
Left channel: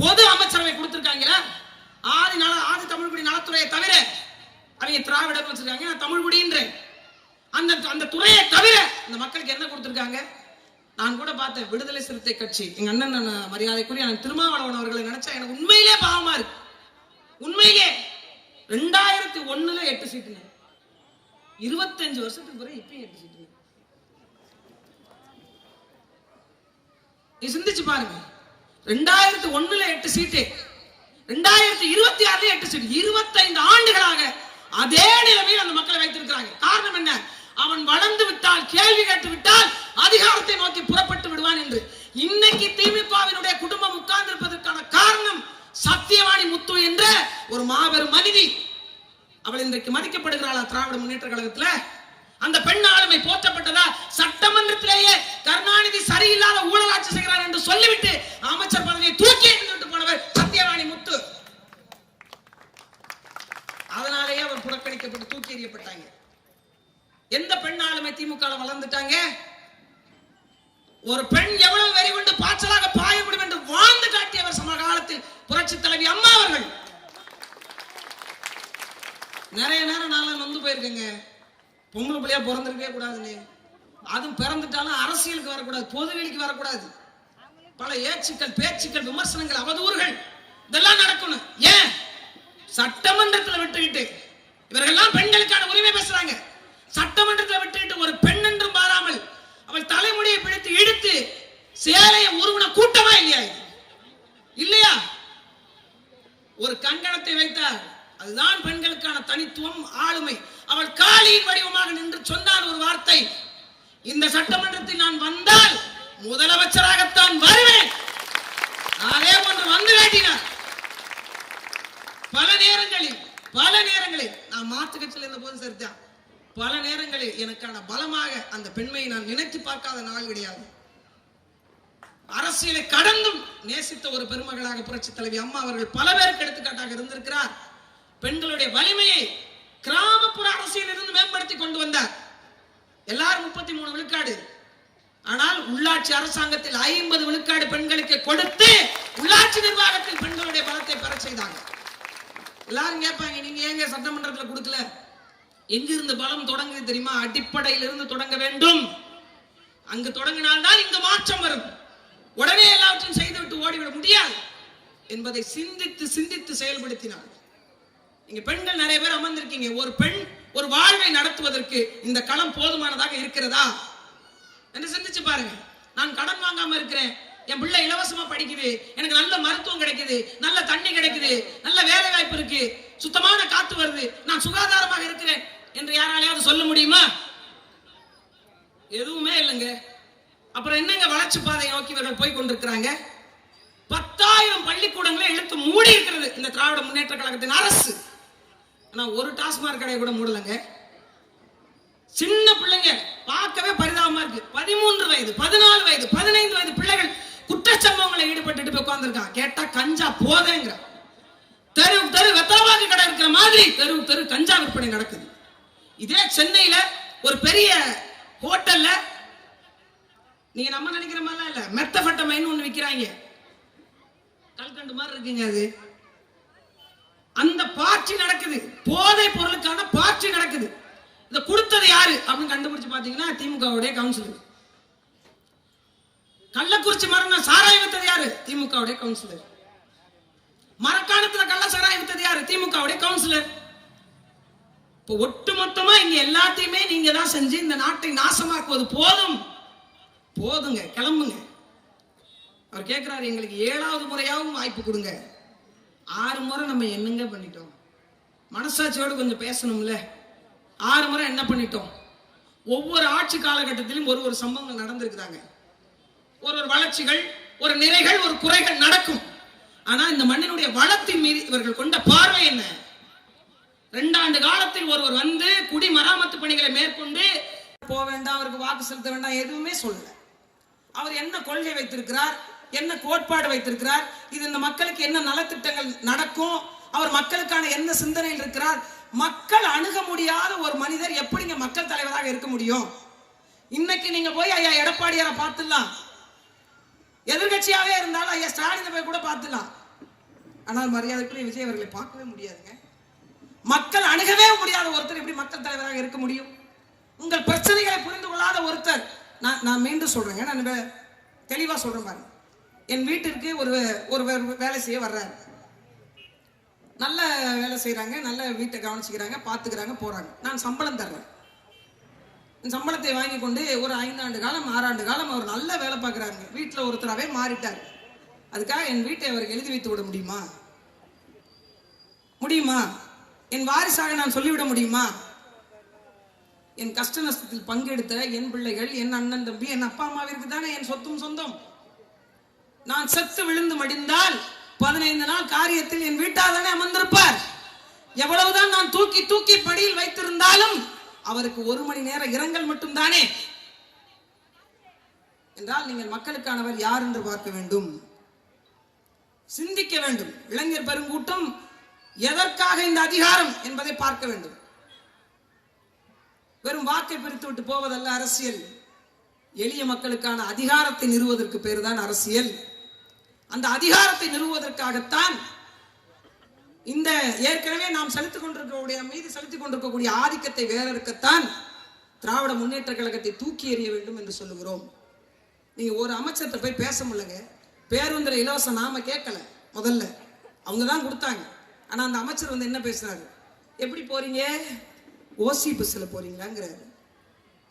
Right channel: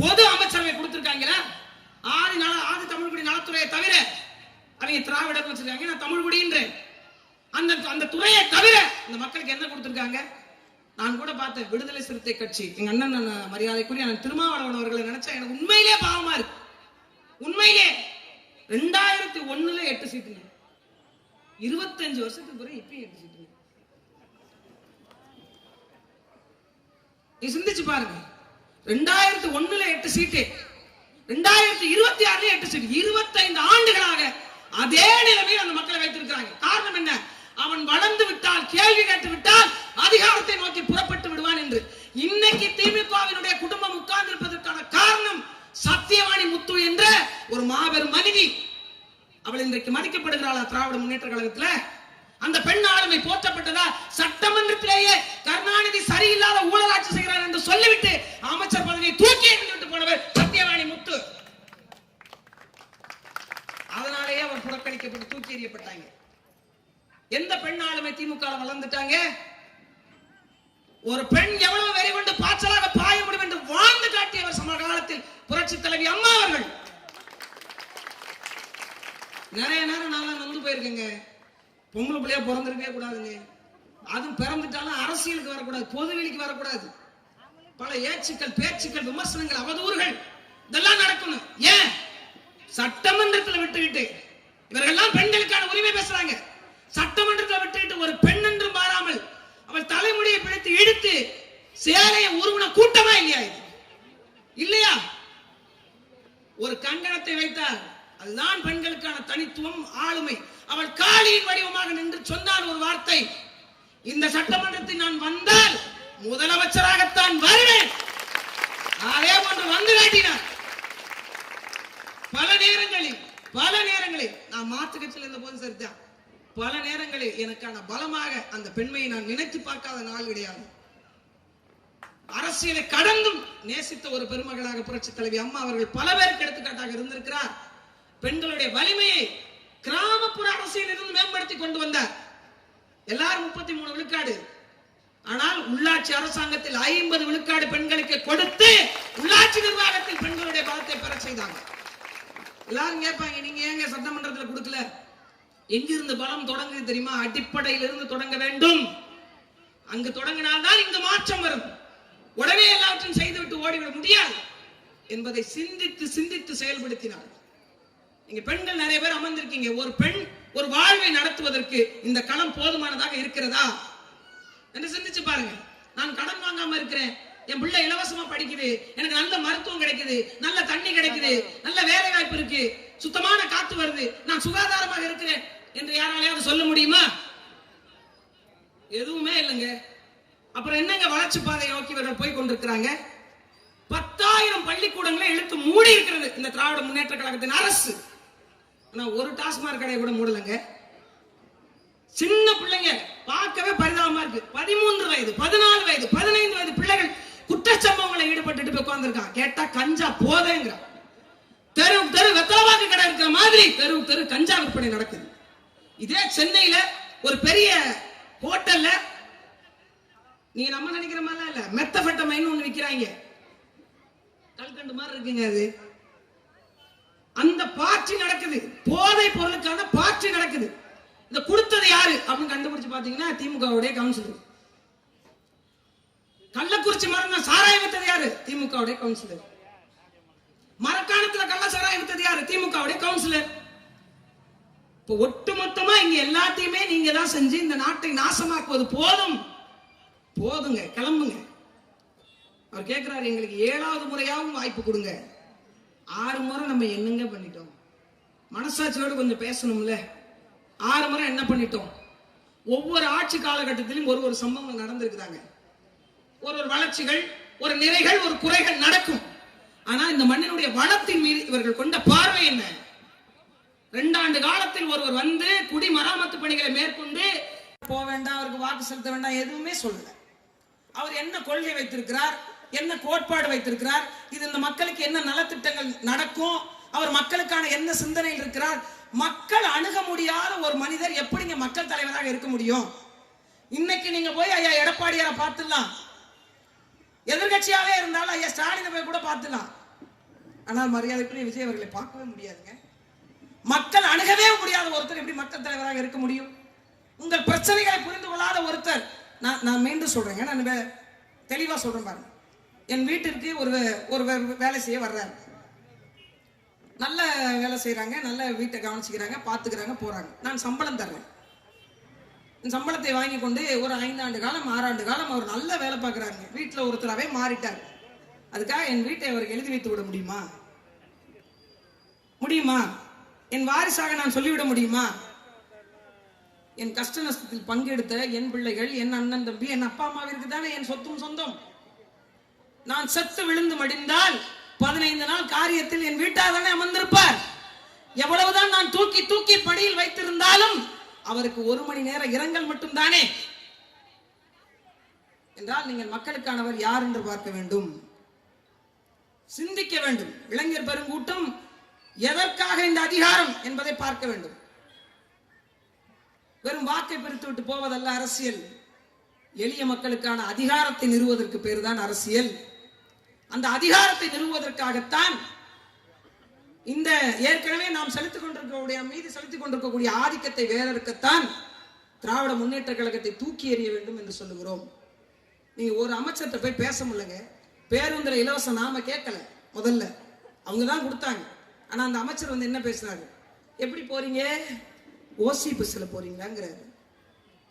பொது அமைச்சரவை கொடுத்திருக்காங்களா? ஆதி தமிழ்குடி நலத்துறையை தவிர அவங்க திராவிட வச்சிருக்காங்க, நான் தமிழ்குடின்ற அந்த துறையை தவிர இந்த மக்களுக்கு என்ன கொடுத்திருக்காங்க? நான் கூட பார்த்தேன், விடுதலை சிறுத்தை கட்சி எங்க அண்ணன் மரியாதைக்குரிய திருமாவளவன் அவர்களை நினைச்சா எனக்கு உண்மையிலே பாவமா இருக்கு. உண்மையிலே 2001 8 சீட்டு, 25 வருஷத்துக்கு பிறகு இப்ப 8 சீட்டு. நீ சிந்திச்சு பாருங்க. 2001 8 சீட்டு, 2026 8 சீட்டு. 25 ஆண்டுகளாக அதே நிலைமையில் அந்த மக்களை வைத்திருக்கிறாங்க. காரணம் என்ன? அவன் வளர்ந்து விட்டால், கேள்வி கேட்டு விட்டால் அதிகாரத்தை நோக்கி புறப்பட்டு விடுவான் என்று. இன்னைக்கு திமுகவினுடைய குடும்பம் உட்கார்ந்து இருப்பதற்கான காரணம் சத்தியவாணி முத்து என்ற ஒரு மாபெரும் மனிதி. அவள் இன்றைக்கு மதிக்கப்படுகிறாளா திராவிட முன்னேற்ற கழகத்துல? அந்த பெண் ஆளுமை போற்றப்பட்டதா? சட்டமன்றத்திலேயே கருணாநிதி சரியில்லாத ஊழல் ஆட்சி செய்கிறார் என்று சொல்லிவிட்டு அமைச்சர் பதவியை தூக்கி எறிந்துவிட்டு போனவர் சத்தியவாணி முத்து. அதனாலேயே அவர் புறக்கணிக்கப்பட்டு தூக்கி எறியப்பட்டாங்க. எந்த பெண் ஆளுமை திமுக வளர்ந்துட்டாங்க? ஒரு பெண் எவ்வளவு வெறி கொண்டு பாய்ச்சலாக பாய முடியும் என்று வாழ்ந்து காட்டியவர் சமகாலத்தில் புரட்சி தலைவி அம்மா அவர்கள். நிறைய நேரம் நான் வந்து போயிருக்கேங்க. பொம்பளை பிள்ளையா பிறந்திருக்கவே கூடாதுன்னு, அதுவும் பிறந்துட்டாலும் அரசியலுக்கு வரக்கூடாது, பொதுவெளிக்கு வரக்கூடாது. பல ஏச்சுக்கள், பேச்சுக்கள், விமர்சனங்கள், அவதூறுகள் இதெல்லாம் நடக்கணும். ஏன் சட்டமன்றத்தில் விட்டுக்கிட்டு இவர்கள்லாம் பெண்களுக்கான உரிமை பேசுறாங்க. சட்டமன்றத்தில் விட்டுக்கிட்டு ஒரு பெண் என்றும் பாராமல் அவள் தலைமுடியை பிடித்து இழுத்து சேலையை உருவன கூட்டமா இல்லையா? இல்லையா? ஒரு கங்கணத்தை வைத்தார், அதுதான் பெண்களுக்கான தனித்துவம், ஆளுமை. அவள் காளியின் வடிவமாக நின்று சொன்னால் ஒரு வார்த்தை, இந்த சட்டமன்றத்தில் நான் வந்தால் முதலமைச்சராகத்தான் வருவேன். அதே போன்று வந்து காட்டினார். பல நேரங்களில் நான் மாற்று கட்சியில் இருந்த போது சரிதான், பல நேரங்களில் எனக்கான பலமாக அந்த பெண்மையை நான் நினைத்து பார்க்காத நாள் கிடையாது. அரசியலை கடந்தும் நேசித்த ஒரு பெருமகளாக புரட்சி தலைவி அம்மா அவர்கள் பல பேருக்கு எடுத்துக்காட்டாக இருந்திருக்கிறார். பெண்களுடைய வலிமையை கிராமப்புற அரசியல் இருந்து மேம்படுத்தி கொண்டு வந்தார். எல்லாரும் 33 விழுக்காடு, ஆனால் உள்ளாட்சி அரசாங்கத்தில் 50 விழுக்காடு பெண்களுக்கு கொடுத்து உள்ளாட்சி நிர்வாகத்தில் பெண்களுடைய பலத்தை பெற செய்தாங்க. எல்லாரும் கேட்பாங்க, நீங்க ஏங்க சட்டமன்றத்தில் கொடுக்கல? எங்கிருந்து பலம் தொடங்குது தெரியுமா? அடிப்படையில் இருந்து தொடங்க வேண்டும். அங்கு தொடங்கினால்தான் இங்கு மாற்றம் வரும். உடனே எல்லாவற்றையும் செய்துவிட்டு ஓடிவிட முடியாது என்பதை சிந்தித்து சிந்தித்து செயல்படுத்தினார். இங்க பெண்கள் நிறைய பேர் அமர்ந்திருக்கீங்க. ஒரு பெண் ஒரு வாழ்வை நடத்துவதற்கு இந்த களம் போதுமானதாக இருக்கிறதா என்று சிந்திச்சு பாருங்க. நான் கடன் வாங்காம இருக்கிறேன், என் பிள்ளை இலவசமா படிக்குது, எனக்கு நல்ல மருத்துவம் கிடைக்குது, நல்ல தண்ணி கிடைக்குது, நல்ல வேலை வாய்ப்பு இருக்கு, சுத்தமான காத்து வருது, நான் சுகாதாரமாக இருக்கிறேன் என்று யாராலையாவது சொல்ல முடியுமா? எதுவுமே இல்லைங்க. அப்புறம் என்னங்க வளர்ச்சி பாதையை நோக்கி இவர்கள் போய் கொண்டிருக்கிறாங்க? 10,000 பள்ளிக்கூடங்களை இழுத்து மூடி இருக்கிறது இந்த திராவிட முன்னேற்ற கழகத்தின் அரசு. ஆனா ஒரு டாஸ்மாக் கடையை கூட மூடலங்க. சின்ன பிள்ளைங்க பார்க்கவே பரிதாபமா இருக்கு. 13 வயது, 14 வயது, 15 வயது பிள்ளைகள் குற்றச்சம்பவங்களை ஈடுபட்டு போய் உட்கார்ந்துருக்காங்க. கேட்டா கஞ்சா போதேங்கிற. தெரு தெரு வெத்தலவாக்கு கடை இருக்கிற மாதிரி தெரு தெரு கஞ்சா விற்பனை நடக்குது. இதே சென்னையில ஒரு பெரிய ஹோட்டல்ல நீங்க நம்ம நினைக்கிற மாதிரி இல்ல, மெத்தபெட்டமைன் ஒண்ணு விக்கிறாங்க. கல்கண்டு மாதிரி இருக்குங்க அது. அந்த பார்ட்டி நடக்குது, போதை பொருளுக்கான பார்ட்டி நடக்குது. இத கொடுத்தது யாரு அப்படின்னு கண்டுபிடிச்சு பாத்தீங்கன்னா திமுகவுடைய கவுன்சிலர். கள்ளக்குறிச்சி மரணம் சாராயம் வித்தது யாரு? திமுகவுடைய கவுன்சிலர். மரக்காணத்துல கள்ள சாராயம் வித்தது யாரு? இருக்காரு திமுகவுடைய கவுன்சிலர். இப்போ ஒட்டுமொத்தமா இங்க எல்லாத்தையுமே நீங்க தான் செஞ்சு இந்த நாட்டை நாசமாக்குவது போதும், போதுங்க, கிளம்புங்க. அவர் கேட்கிறாரு, எங்களுக்கு 7வது முறையாவும் வாய்ப்பு கொடுங்க. 6 முறை நம்ம என்னங்க பண்ணிட்டோம்? மனசாட்சியோடு கொஞ்சம் பேசணும்ல. 6 முறை என்ன பண்ணிட்டோம்? ஒவ்வொரு ஆட்சி காலகட்டத்திலும் ஒரு சம்பவங்கள் நடந்திருக்கிறாங்க. ஒரு வளர்ச்சிகள், ஒரு நிறைகள், ஒரு குறைகள் நடக்கும். ஆனா இந்த மண்ணினுடைய வளத்தின் மீது இவர்கள் கொண்ட பார்வை என்ன? 2 ஆண்டு காலத்தில் ஒருவர் வந்து குடிமராமத்து பணிகளை மேற்கொண்டு போக வேண்டாம், அவருக்கு வாக்கு செலுத்த வேண்டாம், எதுவுமே சொல்லல. அவர் என்ன கொள்கை வைத்திருக்கிறார், என்ன கோட்பாடு வைத்திருக்கிறார், இது இந்த மக்களுக்கு என்ன நலத்திட்டங்கள் நடக்கும், அவர் மக்களுக்கான என்ன சிந்தனையில் இருக்கிறார், மக்கள் அணுக முடியாத ஒரு மனிதர் எப்படிங்க மக்கள் தலைவராக இருக்க முடியும்? இன்னைக்கு நீங்க போய் ஐயா எடப்பாடியாரை பார்த்துடலாம், எதிர்கட்சியாவே இருந்தாலும் ஐயா ஸ்டாலினை போய் கூட பார்த்துடலாம். ஆனால் மரியாதைக்குரிய விஜய் அவர்களை பார்க்கவே முடியாதுங்க. மக்கள் அணுகவே முடியாத ஒருத்தர் எப்படி மக்கள் தலைவராக இருக்க முடியும்? உங்கள் பிரச்சனைகளை புரிந்து கொள்ளாத ஒருத்தர். நான் மீண்டும் சொல்றேங்க, நான் தெளிவா சொல்றேன் பாருங்க. என் வீட்டிற்கு ஒரு வேலை செய்ய வர்றாரு, நல்ல வேலை செய்யறாங்க, நல்ல வீட்டை கவனிச்சுக்கிறாங்க, பாத்துக்கிறாங்க, போறாங்க. நான் சம்பளம் தர்றேன். சம்பளத்தை வாங்கி கொண்டு ஒரு 5 ஆண்டு காலம் 6 ஆண்டு காலம் அவர் நல்ல வேலை பார்க்கிறாங்க, வீட்டுல ஒருத்தராவே மாறிட்டார். அதுக்காக என் வீட்டை அவர் எழுதி வைத்து விட முடியுமா? முடியுமா? என் வாரிசாக நான் சொல்லிவிட முடியுமா? என் கஷ்ட நஷ்டத்தில் பங்கெடுத்த என் பிள்ளைகள், என் அண்ணன் தம்பி, என் அப்பா அம்மாவிற்கு தானே என் சொத்தும் சொந்தம். நான் செத்து விழுந்து மடிந்தால் 15 நாள் காரியத்தில் என் வீட்டார் தானே அமர்ந்திருப்பார். எவ்வளவுதான் நான் தூக்கி தூக்கி படியில் வைத்திருந்தாலும் அவருக்கு 1 மணி நேர இரங்கல் மட்டும் தானே என்றால், நீங்கள் மக்களுக்கானவர் யார் என்று பார்க்க வேண்டும், சிந்திக்க வேண்டும். இளைஞர் பெருங்கூட்டம் எதற்காக இந்த அதிகாரம் என்பதை பார்க்க வேண்டும். வெறும் வாக்கை பிரித்து விட்டு போவதல்ல அரசியல். எளிய மக்களுக்கான அதிகாரத்தை நிறுவுவதற்கு பேர் தான் அரசியல். அந்த அதிகாரத்தை நிறுவுவதற்காகத்தான் இந்த ஏற்கனவே நாம் செலுத்திக் கொண்டிருக்கக்கூடிய மீது செலுத்திக் கொண்டிருக்கக்கூடிய ஆதிக்கத்தை வேறறுக்கத்தான் திராவிட முன்னேற்ற கழகத்தை தூக்கி எறிய வேண்டும் என்று சொல்லுகிறோம். நீங்க ஒரு அமைச்சர்கிட்ட போய் பேச முடியலங்க. பேருந்துல இலவசம் நாம கேட்கல, முதல்ல அவங்க தான் கொடுத்தாங்க. ஆனா அந்த அமைச்சர் வந்து என்ன பேசினாரு? எப்படி போறீங்க? ஓசி பஸ்ல போறீங்களாங்கிறாரு.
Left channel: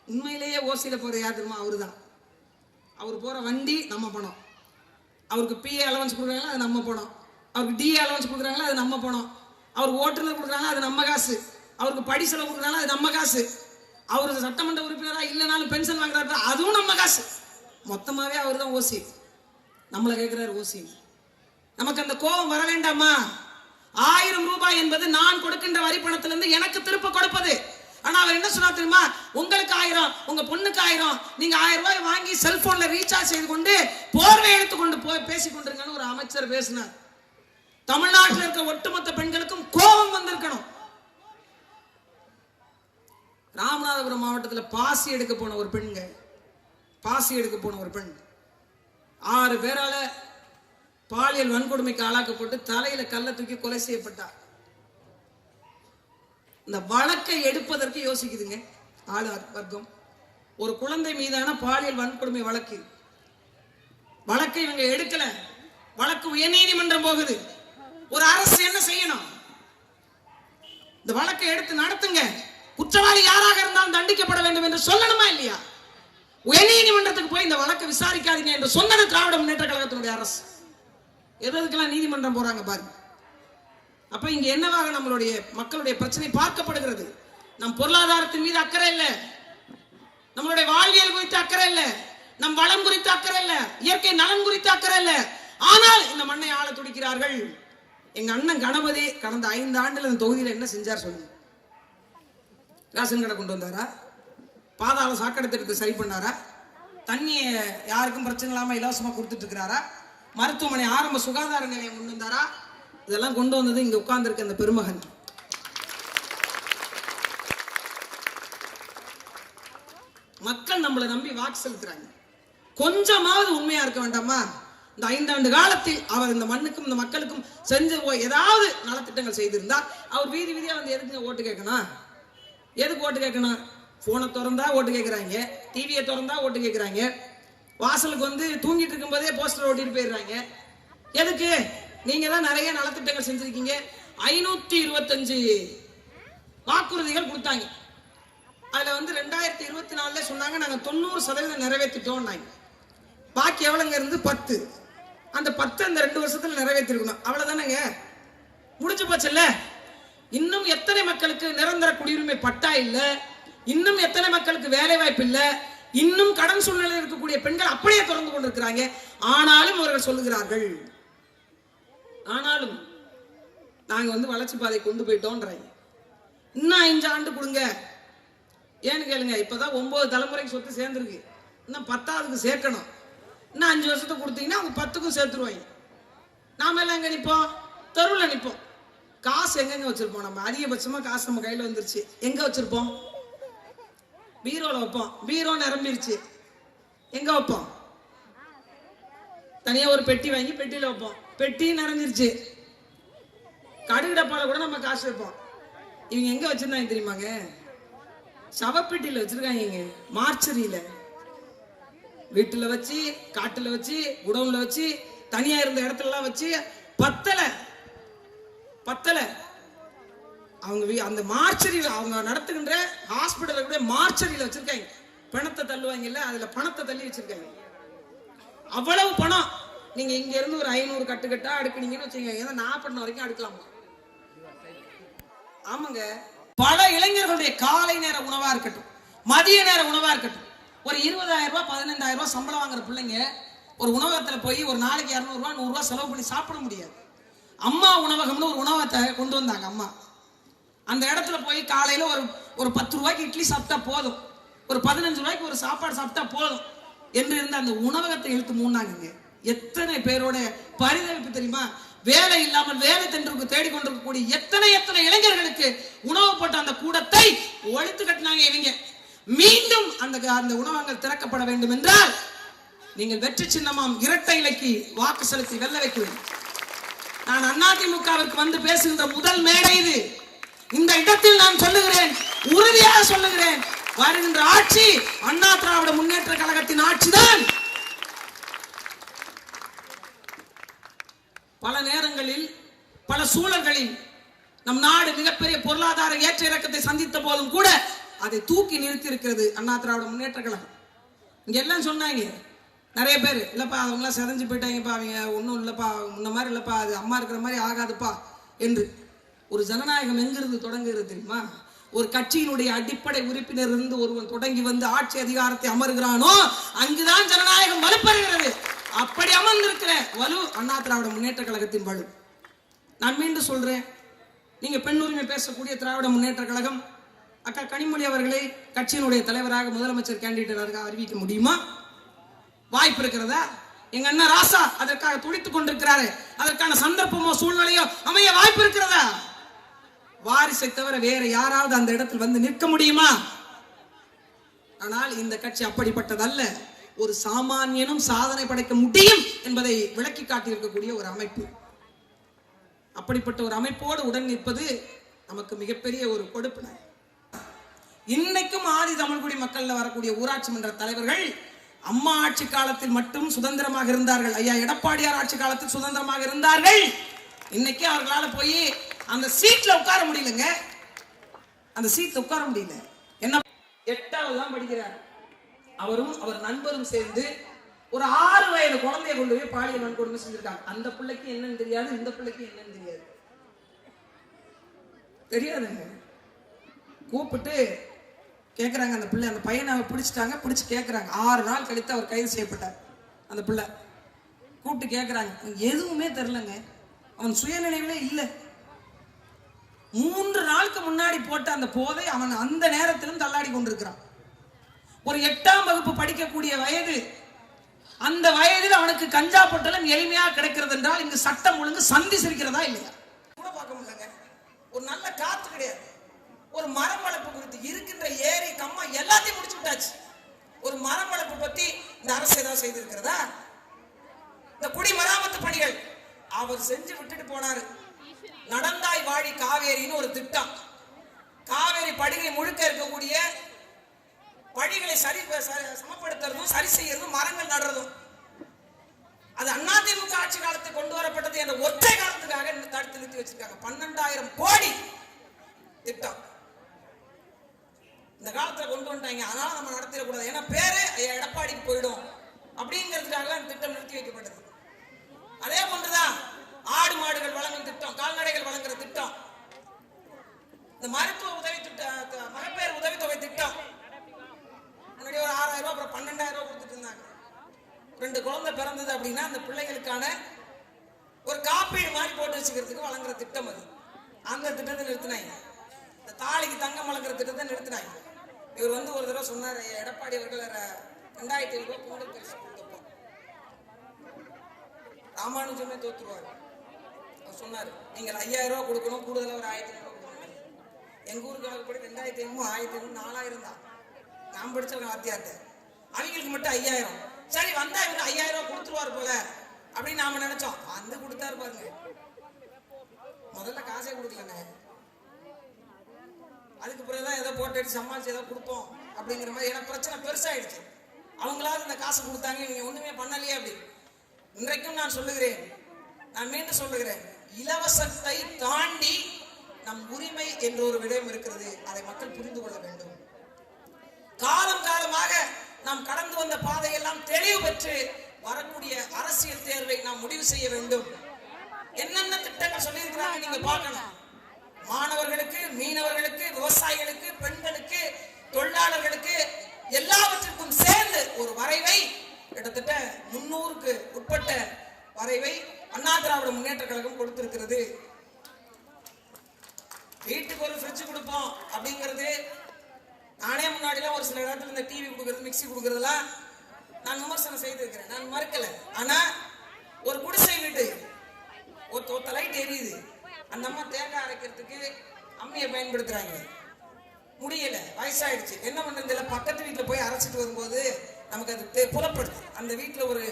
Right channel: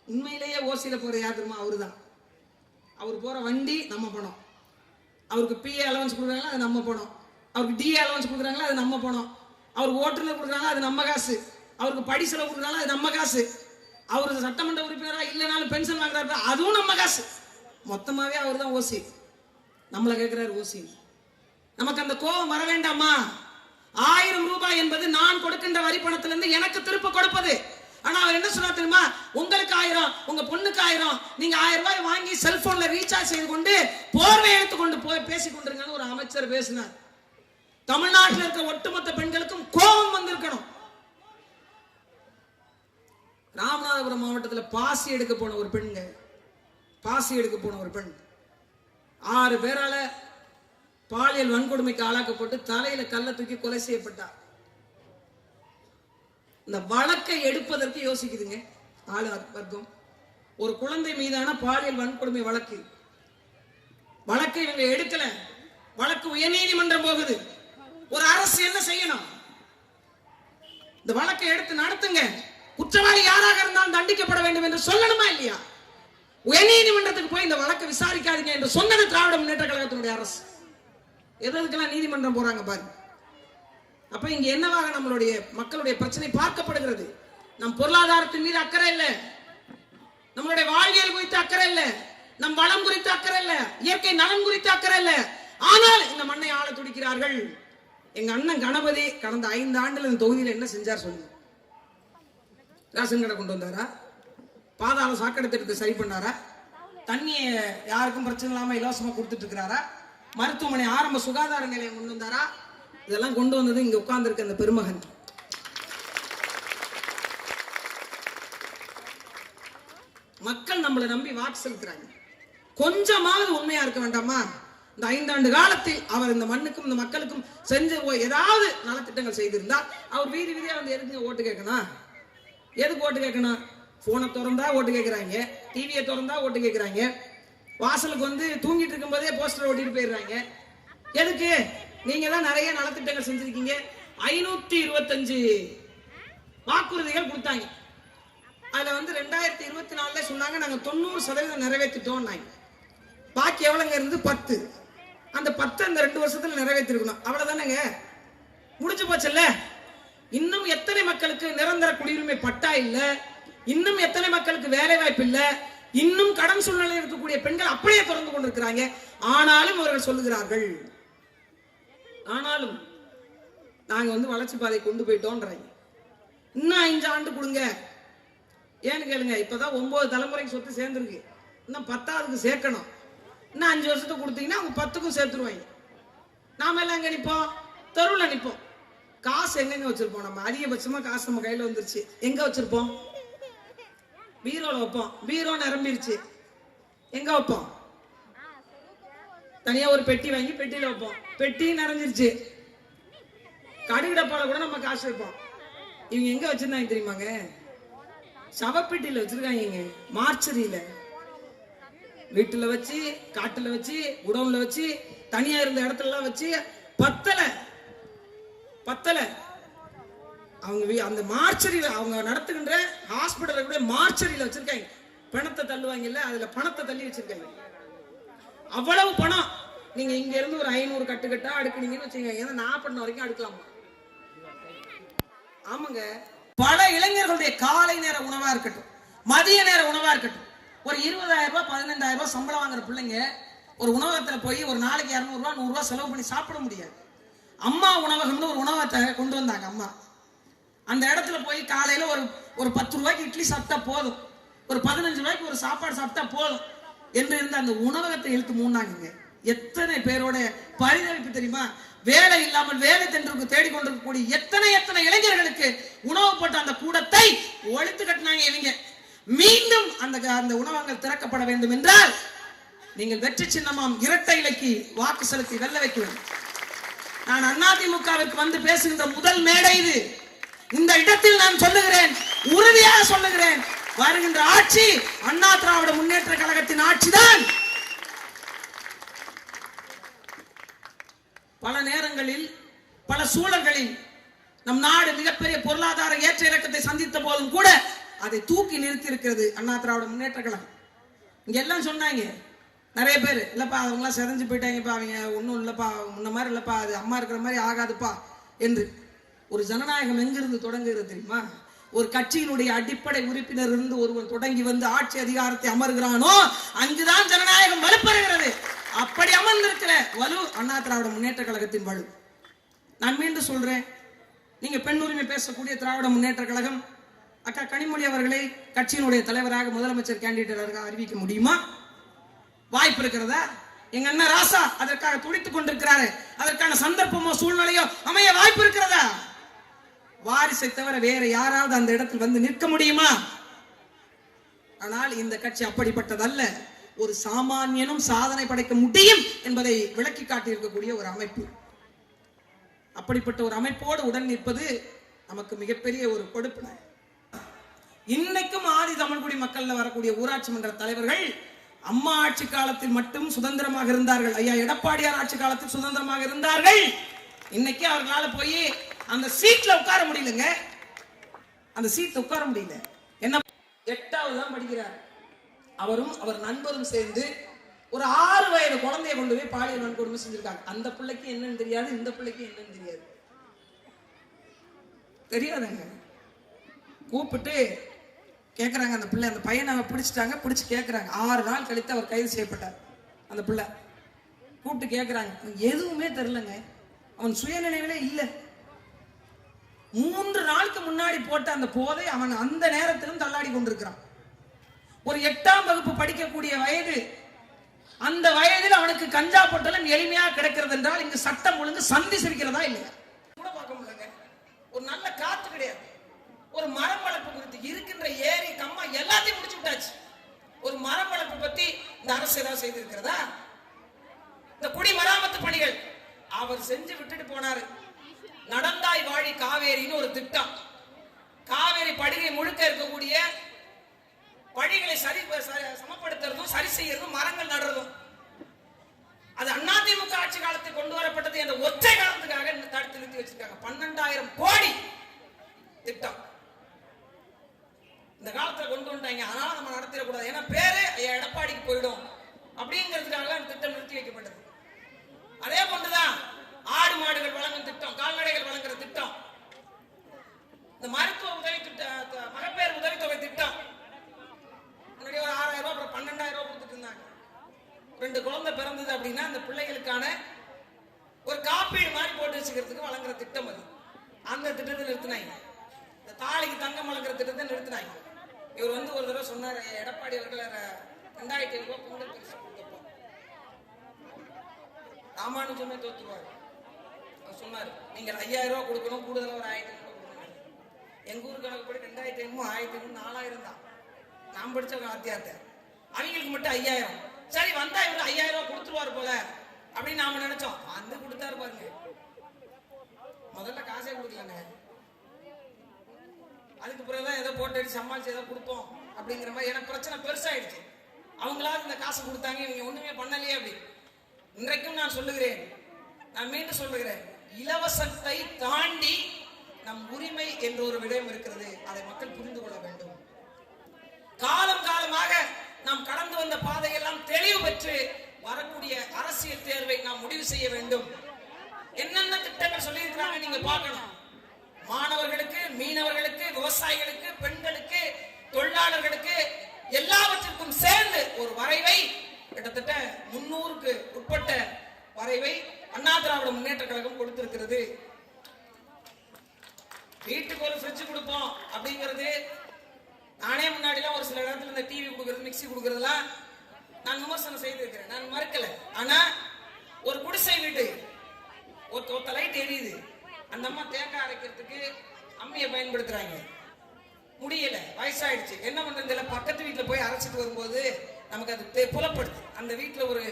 உண்மையிலேயே ஓசியில போற யார் தெரியுமா? அவரு தான். அவர் போற வண்டி நம்ம பணம். அவருக்கு பிஏ அலவன்ஸ் கொடுக்குறாங்களா, அது நம்ம பணம். அவருக்கு டிஏ அலவன்ஸ் கொடுக்குறாங்களா, அது நம்ம பணம். அவருக்கு ஓட்டுநர் கொடுக்குறாங்களா, அது நம்ம காசு. அவருக்கு படி செலவு கொடுக்குறாங்களா, அது நம்ம காசு. அவருக்கு சட்டமன்ற உறுப்பினரா இல்லைனாலும் பென்ஷன் வாங்குறாரு, அதுவும் நம்ம காசு. மொத்தமாவே அவர் தான் ஓசி. நம்மள கேட்கிறாரு ஓசி. நமக்கு அந்த கோபம் வர வேண்டாமா? 1000 ரூபாய் என்பது நான் கொடுக்கின்ற வரி பணத்திலிருந்து எனக்கு திருப்ப கொடுப்பது. ஆனா அவர் என்ன சொன்னா தெரியுமா? உங்களுக்கு 1000, உங்க பொண்ணுக்கு 1000, நீங்க 1000 ரூபாய் வாங்கி செல்போன்ல ரீசார்ஜ் செய்து கொண்டு போர்வை எடுத்து கொண்டு போய் பேசிக் கொண்டிருங்கன்னு ஒரு அமைச்சர் பேசினார். தமிழ்நாட்டில் இருக்க ஒட்டுமொத்த பெண்களுக்கும் கோபம் வந்திருக்கணும். ராமநாதபுரம் மாவட்டத்தில் பாசி எடுக்க போன ஒரு பெண்ங்க, பாசி எடுக்க போன ஒரு பெண் 6 பேரால பாலியல் வன்கொடுமைக்கு ஆளாக்கப்பட்டு தலையில கல்ல தூக்கி கொலை செய்யப்பட்டார். இந்த வழக்கை எடுப்பதற்கு யோசிக்குதுங்க ஆளு வர்க்கம். ஒரு குழந்தை மீதான பாலியல் வன்கொடுமை வழக்கை இவங்க எடுக்கல. வழக்கு உயர்நீதிமன்றம் போகுது. ஒரு அரசு என்ன செய்யணும்? இந்த வழக்கை எடுத்து நடத்துங்க. குற்றவாளி யாராக இருந்தாலும் தண்டிக்கப்பட வேண்டும் என்று சொல்லணுமா இல்லையா? உயர்நீதிமன்றத்துக்கு போய் இந்த வழக்கை விசாரிக்காதீங்க என்று சொன்னது திராவிட முன்னேற்ற கழகத்தினுடைய அரசு. எதற்கெல்லாம் நீதிமன்றம் போறாங்க பாருங்க. அப்ப இங்க என்னவாக நம்மளுடைய மக்களுடைய பிரச்சனை பார்க்கப்படுகிறது? நம் பொருளாதாரத்தின் மீது அக்கறை இல்ல, நம்மளுடைய வாழ்வியல் குறித்து அக்கறை இல்ல, நம் வளம் குறித்து அக்கறை இல்ல, இயற்கை நலன் குறித்து அக்கறை இல்ல. ஆனால் இந்த மண்ணை ஆள துடிக்கிறார்கள். எங்க அண்ணன் கணபதி கடந்த 5 ஆண்டுல இந்த தொகுதியில் என்ன செஞ்சார் சொல்லுங்க? ரேஷன் கடை கொண்டு வந்தாரா? பாதாள சாக்கடை திட்டத்தை சரி பண்ணாரா? தண்ணியை யாருக்கும் பிரச்சனை இல்லாம இலவசமா கொடுத்துட்டு இருக்கிறாரா? மருத்துவமனை ஆரம்ப சுகாதார நிலையம் கொண்டு வந்தாரா? இதெல்லாம் கொண்டு வந்தது இங்க உட்கார்ந்து இருக்க அந்த பெருமகன். மக்கள் நம்மளை நம்பி வாக்கு செலுத்துறாங்க. கொஞ்சமாவது உண்மையா இருக்க வேண்டாமா? இந்த 5 ஆண்டு காலத்தில் அவர் இந்த மண்ணுக்கும் இந்த மக்களுக்கும் செஞ்ச ஏதாவது நலத்திட்டங்கள் செய்திருந்தா அவர் வீதி வீதியா வந்து எதுக்கு ஓட்டு கேட்கணும்? எதுக்கு ஓட்டு கேட்கணும்? போனை திறந்தா ஓட்டு கேட்கிறாங்க, டிவியை திறந்தா ஓட்டு கேட்கிறாங்க, வாசலுக்கு வந்து தூங்கிட்டு இருக்கும் போதே போஸ்டர் ஓட்டிட்டு போயிடுறாங்க. எதுக்கு? நீங்க தான் நிறைய நலத்திட்டங்கள் செஞ்சிருக்கீங்க. 525 வாக்குறுதிகள் கொடுத்தாங்க. அதுல வந்து 2024 சொன்னாங்க நாங்க 90% நிறைவேற்றிட்டோம். பாக்கி எவ்வளவுங்க இருந்து 10. அந்த 10 அந்த 2 வருஷத்துல நிறைவேற்றிருக்கணும். அவ்வளவுதானங்க, முடிஞ்சு போச்சுல்ல. இன்னும் எத்தனை மக்களுக்கு நிரந்தர குடியுரிமை பட்டா இல்ல, இன்னும் எத்தனை மக்களுக்கு வேலை வாய்ப்பு இல்ல, இன்னும் கடன் சூழ்நிலையில் இருக்கக்கூடிய பெண்கள் அப்படியே தொடர்ந்து கொண்டிருக்கிறாங்க. ஆனாலும் அவர்கள் சொல்லுகிறார்கள், ஆனாலும் நாங்க வந்து வளர்ச்சி பாதை கொண்டு போயிட்டோம்ன்றாங்க. இன்னும் 5 ஆண்டு கொடுங்க. ஏன்னு கேளுங்க, இப்பதான் 9 தலைமுறைக்கு சொத்து சேர்ந்துருக்கு, இன்னும் 10ஆவதுக்கு சேர்க்கணும். இன்னும் 5 வருஷத்துக்கு கொடுத்தீங்கன்னா அவங்க 10க்கும் சேர்த்துருவாங்க. நாம எல்லாம் எங்க நிப்போம்? தெருவில் நிப்போம். காசு எங்க வச்சிருப்போம்? நம்ம அதிகபட்சமா காசு நம்ம கையில வந்துருச்சு, எங்க வச்சிருப்போம்? பீரோல வைப்போம். பீரோ நிரம்பிருச்சு, எங்க வைப்போம்? தனியா ஒரு பெட்டி வாங்கி பெட்டியில வைப்போம். பெட்டி நிறைஞ்சிருச்சு. கடுகு டப்பால கூட நம்ம காசு வைப்போம். இவங்க எங்க வச்சிருந்தாங்க தெரியுமாங்க? சவப்பெட்டியில வச்சிருக்காங்க, மார்ச்சரியில. வீட்டுல வச்சு, காட்டுல வச்சு, குடவுன்ல வச்சு, தனியா இருந்த இடத்துல எல்லாம் வச்சு பத்தல. அவங்க அந்த மார்ச்சரியில, அவங்க நடத்துகின்ற ஹாஸ்பிட்டல கூட மார்ச்சரியில வச்சிருக்காங்க. பணத்தை தள்ளுவாங்கல்ல, அதுல பணத்தை தள்ளி வச்சிருக்காங்க. அவ்வளவு பணம். நீங்க இங்க இருந்து ஒரு 500 கட்டுக்கட்டா அடுக்குனீங்கன்னு வச்சுக்கோங்க, ஏன்னா 40 வரைக்கும் அடுக்கலாமா? ஆமாங்க. பல இளைஞர்களுடைய காலை நேர உணவா இருக்கட்டும், மதிய நேர உணவா இருக்கட்டும், ஒரு 20,000 ரூபாய் 15,000 ரூபாய் சம்பளம் வாங்குற பிள்ளைங்க ஒரு உணவகத்துல போய் ஒரு நாளைக்கு 200 ரூபாய் 100 ரூபாய் செலவு பண்ணி சாப்பிட முடியாது. அம்மா உணவகம்னு ஒரு உணவகத்தை கொண்டு வந்தாங்க அம்மா. அந்த இடத்துல போய் காலையில ஒரு 10 ரூபாய்க்கு இட்லி சாப்பிட்டா போதும், ஒரு 15 ரூபாய்க்கு ஒரு சாப்பாடு சாப்பிட்டா போதும் என்று இருந்த அந்த உணவகத்தை இழுத்து மூடினாங்க. எத்தனை பேரோட பரிதவிப்பு தெரியுமா? வேலை இல்லாமல் வேலை தென்றுக்கு தேடிக்கொண்டிருக்கக்கூடிய எத்தனை இளைஞர்களுக்கு உணவு போட்ட அந்த கூடத்தை ஒழித்து கட்டினாங்க இவங்க. மீண்டும் அந்த உணவகங்கள் திறக்கப்பட வேண்டும் என்றால் நீங்கள் வெற்றி சின்னமாம் இரட்டை இலைக்கு வாக்கு செலுத்தி வெல்ல வைக்க வேண்டும். நான் அதிமுகவிற்கு வந்து பேசுகின்ற முதல் மேடை இது. இந்த இடத்தில் நான் சொல்லுகிறேன், உறுதியாக சொல்லுகிறேன், வருகின்ற ஆட்சி அண்ணா திராவிட முன்னேற்ற கழகத்தின் ஆட்சிதான். பல நேரங்களில் பல சூழல்களில் நம் நாடு மிகப்பெரிய பொருளாதார ஏற்ற இறக்கத்தை சந்தித்த போதும் கூட அதை தூக்கி நிறுத்தி இருக்கிறது அண்ணா திராவிட முன்னேற்ற கழகம். இங்க எல்லாம் சொன்னாங்க நிறைய பேர், இல்லப்பா அவங்க எல்லாம் செதஞ்சு போயிட்டாங்கப்பா, அவங்க ஒன்னும் இல்லப்பா, முன்ன மாதிரி இல்லப்பா, அது அம்மா இருக்கிற மாதிரி ஆகாதுப்பா என்று. ஒரு ஜனநாயகம் எங்கிருந்து தொடங்குகிறது தெரியுமா? ஒரு கட்சியினுடைய அடிப்படை உறுப்பினர் இருந்து ஒருவன் தொடங்கி வந்து ஆட்சி அதிகாரத்தை அமர்கிறானோ அங்குதான் ஜனநாயகம் வலுப்பெறுகிறது. அப்படி அமர்ந்திருக்கிற வலு அண்ணா திராவிட முன்னேற்ற கழகத்தின் வலு. நான் மீண்டும் சொல்றேன், நீங்க பெண் உரிமை பேசக்கூடிய திராவிட முன்னேற்ற கழகம் அக்கா கனிமொழி அவர்களை கட்சியினுடைய தலைவராக முதலமைச்சர் கேண்டிடேட்டாக அறிவிக்க முடியுமா? வாய்ப்பு இருக்கிறதா? எங்க அண்ணன் ராசா அதற்காக துடித்துக் கொண்டிருக்கிறாரு. அதற்கான சந்தர்ப்பமோ சூழ்நிலையோ அமைய வாய்ப்பு இருக்கிறதா? வாரிசை தவிர வேற யாராவது அந்த இடத்தில் வந்து நிற்க முடியுமா? ஆனால் இந்த கட்சி அப்படிப்பட்டதல்ல. ஒரு சாமானியனும் சாதனை படைக்க முடியும் என்பதை விளக்கி காட்டியிருக்கக்கூடிய ஒரு அமைப்பு. அப்படிப்பட்ட ஒரு அமைப்போடு உடன் நிற்பது நமக்கு மிகப்பெரிய ஒரு கொடுப்பினை. இன்னைக்கும் ஆதி தமிழ்குடி மக்கள்ல வரக்கூடிய ஊராட்சி மன்ற தலைவர்கள் அம்மா ஆட்சி காலத்தில் மட்டும் சுதந்திரமாக இருந்தார்கள். ஐயா எடப்பாடியார் ஆட்சி காலத்தில் சுதந்திரமாக இருந்தார்கள். இன்னைக்கு அவர்களால போய் அந்த சீட்ல உட்கார முடியலங்க. அந்த சீட்ல உட்கார முடியல. என்ன 8வது தான் படிக்கிறார். அவரும் அவர் நண்பரும் சேர்ந்து ஒரு 6 வயது குழந்தைய கொண்டு போய் பாலியல் வன்கொடுமை செஞ்சிருக்காங்க. அந்த பிள்ளைக்கு என்னன்னு தெரியாது, இந்த பிள்ளைக்கு என்னன்னு தெரியாது. தெரியாதுங்க. கூப்பிட்டு கேட்கறாங்க அந்த பிள்ளை, அந்த பையனை பிடிச்சிட்டாங்க. பிடிச்சு கேட்கறாங்க. 6 நாள் கழித்து அவர் கைது செய்யப்பட்டார். அந்த பிள்ளை கூப்பிட்டு கேட்கறாங்க, எதுவுமே தெரியலங்க, அவன் சுயநினைவிலே இல்லை. 3 நாளுக்கு முன்னாடி போட்ட அந்த போதை அவன் அந்த நேரத்திலும் தள்ளாடி கொண்டிருக்கிறான். ஒரு 8ஆம் வகுப்பு படிக்கக்கூடிய வயது. அந்த வயதில் அவனுக்கு கஞ்சா பொட்டலம் எளிமையாக கிடைக்கிறது என்றால் இங்கு சட்டம் ஒழுங்கு சந்தி சிரிக்கிறதா இல்லையா கூட பார்க்க முடியலங்க. ஒரு நல்ல காத்து கிடையாது. ஒரு மரம் வளர்ப்பு குறித்து இருக்கின்ற ஏரி கம்மா எல்லாத்தையும் முடிச்சு விட்டாச்சு. ஒரு மரம் வளர்ப்பு பத்தி இந்த அரசு ஏதாவது செய்திருக்கிறதா? இந்த குடிமராமத்து பணிகள் அவர் செஞ்சு விட்டுட்டு போனாரு. நடந்தாய் வாழி காவேரின்னு ஒரு திட்டம். காவேரி படுகை முழுக்க இருக்கக்கூடிய வழிகளை சமப்படுத்துறதும் சரி செய்யறதும் மரங்கள் நடுறதும். அது அதிமுக ஆட்சி காலத்தில் கொண்டு வரப்பட்டது என்ற ஒற்றை காலத்துக்காக தடுத்து நிறுத்தி வச்சிருக்காங்க. 12,000 கோடி திட்டம் இந்த காலத்துல கொண்டு வந்துட்டாங்க. அதனால நம்ம நடத்திடக்கூடாது, ஏன்னா பேரு எடப்பாடிக்கு போயிடும் அப்படிங்கிறதுக்காக அந்த திட்டம் நிறுத்தி வைக்கப்பட்டது. அதே போன்றுதான் ஆடு மாடுகள் வழங்கும் திட்டம், கால்நடைகள் வழங்குற திட்டம், இந்த மருத்துவ உதவி திட்டம், மகப்பேறு உதவித்தொகை திட்டம். முன்னாடி ஒரு 6,000 ரூபாய், அப்புறம் 12,000 ரூபாய் கொடுத்துட்டு இருந்தாங்க. 2 குழந்தை பிறந்தது அப்படின்னா அந்த பிள்ளைகளுக்கான ஒரு காப்பீடு மாதிரி போட்டு வச்சுக்கிறதுக்கு வழங்குற திட்டம் அது. அந்த திட்டத்தை நிறுத்தினாங்க. இந்த தாலிக்கு தங்கம் வழங்குற திட்டத்தை நிறுத்தினாங்க. இவர் வந்து ஒரு தடவை சொன்னார், எடப்பாடி அவர்கள் 2,500 ரூபாய் பொங்கல் பரிசு கொடுத்தப்போ ராமானுஜமே தோற்றுவார். அவர் சொன்னார், நீங்கள் 5,000 ரூபாய் கொடுக்கணும், கூடுதலாக ஒரு 1,500 ரூபாய் கொடுக்கணும். எங்க ஊர் கணக்குப்படி 2,500, 1,500, 4,000 தான். நான் படிச்ச வாத்தியார்த்த அவங்களுக்கு மட்டும் 5,000. சரி வந்தா இவரு 5,000 ரூபாய் கொடுத்துருவாரு போல அப்படின்னு நாம நினைச்சோம். வந்து கொடுத்தாரு பாருங்க. முதல்ல காசே கொடுக்கலங்க, அதுக்கு பிறகுதான் ஏதோ போட்டு சமாளிச்சு ஏதோ கொடுப்போம் அப்படிங்கிற மாதிரி. எனக்கு பிரச்சனை பெருசாயிடுச்சு. அவங்களாவது இந்த காசு கொடுத்தாங்க, நீங்க ஒண்ணுமே பண்ணலையே அப்படி. இன்றைக்கும் நான் சொல்லுகிறேன், நான் மீண்டும் சொல்லுகிறேன், இலவசத்தை தாண்டி நம் உரிமை என்ற ஒரு விடயம் இருக்கிறது. அதை மக்கள் புரிந்து கொள்ள வேண்டும். காலம் காலமாக நாம் கடந்து வந்த பாதையெல்லாம் தெளிவு பெற்று வரக்கூடிய அரசியல் தேர்வை நாம் முடிவு செய்ய வேண்டும். என்னென்ன திட்டங்கள் சொல்லி இருக்கிறாங்க நீங்க பார்க்கணும். மாணவர்களுக்கு, மீனவர்களுக்கு, விவசாயிகளுக்கு, பெண்களுக்கு, தொழிலாளர்களுக்கு எல்லாவற்றிற்கும் சேர்ந்து ஒரு வரைவை, கிட்டத்தட்ட 300க்கு உட்பட்ட வரைவை அண்ணா திராவிட முன்னேற்ற கழகம் கொடுத்திருக்கிறது. வீட்டுக்கு ஒரு ஃப்ரிட்ஜ் கொடுப்போம் அப்படிங்கிறது, நானே முன்னாடிலாம் ஒரு சில இடத்துல இந்த டிவி கொடுக்கறது, மிக்சி கொடுக்கறதுலாம் நான் விமர்சனம் செய்திருக்கிறேன், நான் மறுக்கல. ஆனா ஒரு குடிசை வீட்டு ஒத்த லைட் எரியுது, அந்த அம்மா தேங்காய் அரைக்கிறதுக்கு அம்மியை பயன்படுத்துறாங்க, முடியல, வயசாயிடுச்சு, என்ன பண்றது? பக்கத்து வீட்டுல போய் அரைச்சிட்டு வரும்போது நமக்கு அது புலப்படுது. அந்த வீட்டுல ஒரு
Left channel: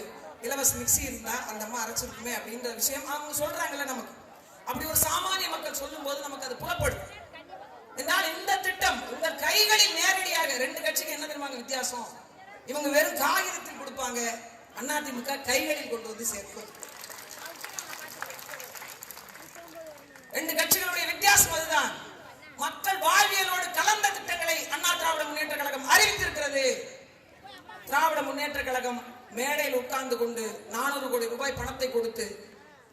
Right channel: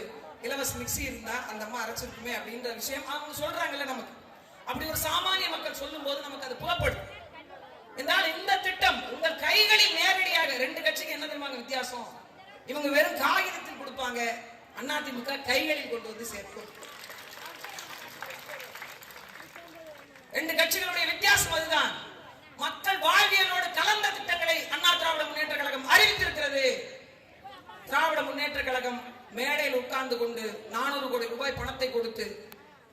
இலவச மிக்சி இருந்தா அந்த அம்மா அரைச்சிருக்குமே அப்படின்ற விஷயம் அவங்க சொல்றாங்கல்ல நமக்கு. அப்படி ஒரு சாமானிய மக்கள் சொல்லும் போது நமக்கு அது புலப்படுது. என்றால் இந்த திட்டம் உங்கள் கைகளில் நேரடியாக, 2 கட்சிக்கு என்ன தெரியுமா வித்தியாசம்? இவங்க வெறும் காகிதத்தில் கொடுப்பாங்க, அதிமுக கைகளில் கொண்டு வந்து சேர்க்கும். 2 கட்சிகளுடைய வித்தியாசம் அதுதான். மக்கள் வாழ்வியலோடு கலந்த திட்டங்களை அண்ணா திராவிட முன்னேற்ற கழகம் அறிவித்திருக்கிறது. திராவிட முன்னேற்ற கழகம் மேடையில் உட்கார்ந்து கொண்டு 400 கோடி ரூபாய் பணத்தை கொடுத்து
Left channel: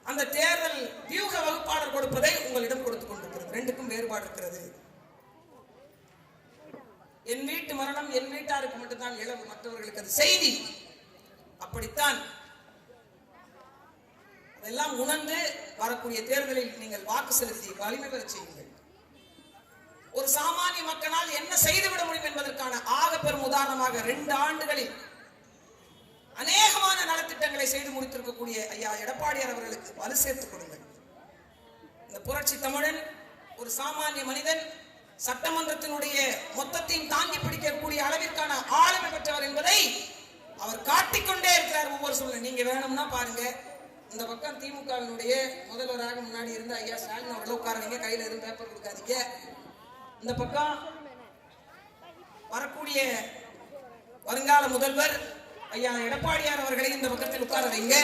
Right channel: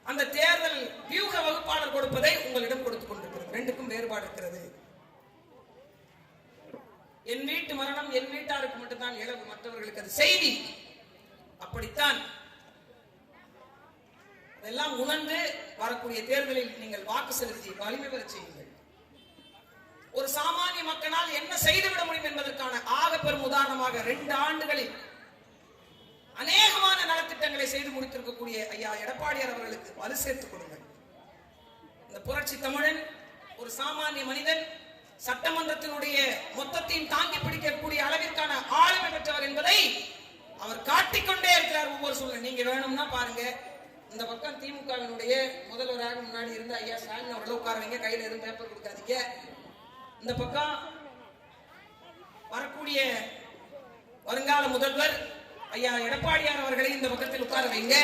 அந்த தேர்தல் வியூக வகுப்பாளர் கொடுப்பதை உங்களிடம் கொடுத்துக் கொண்டிருக்கிறது. 2க்கும் வேறுபாடு இருக்கிறது. என் வீட்டு மரணம் என் வீட்டாருக்கு மட்டும்தான் இழப்பு, மற்றவர்களுக்கு அது செய்தி. அப்படித்தான் அதெல்லாம் உணர்ந்து வரக்கூடிய தேர்தலில் நீங்கள் வாக்கு செலுத்தி வலிமை பெற செய்யுங்கள். ஒரு சாமானிய மக்களால் என்ன செய்துவிட முடியும் என்பதற்கான ஆக பெரும் உதாரணமாக 2 ஆண்டுகளில் அநேகமான நலத்திட்டங்களை செய்து முடித்திருக்கக்கூடிய ஐயா எடப்பாடியார் அவர்களுக்கு வலு சேர்த்துக் கொடுங்கள். இந்த புரட்சி தமிழன் ஒரு சாமானிய மனிதன், சட்டமன்றத்தினுடைய மொத்தத்தையும் தாங்கி பிடிக்கக்கூடிய அளவிற்கான ஆளுமை பெற்றவர் என்பதை அவர் காட்டிக்கொண்டே இருக்கிறார் ஒவ்வொரு சூழ்நிலை. நீங்க வேணும்னா பாருங்க, இந்த பக்கம் திமுகவினுடைய முதல்வராக முன்னாடி இருந்த ஐயா ஸ்டாலின் அவர்கள் உட்காருவீங்க, கையில எதுவும் பேப்பர் கொடுக்காதீங்க. இந்த பக்கம் வரக்கூடிய வருங்கால முதல்வர் ஐயா எடப்பாடியார் அவர்களை இந்த பக்கத்தில் உட்கார வைங்க,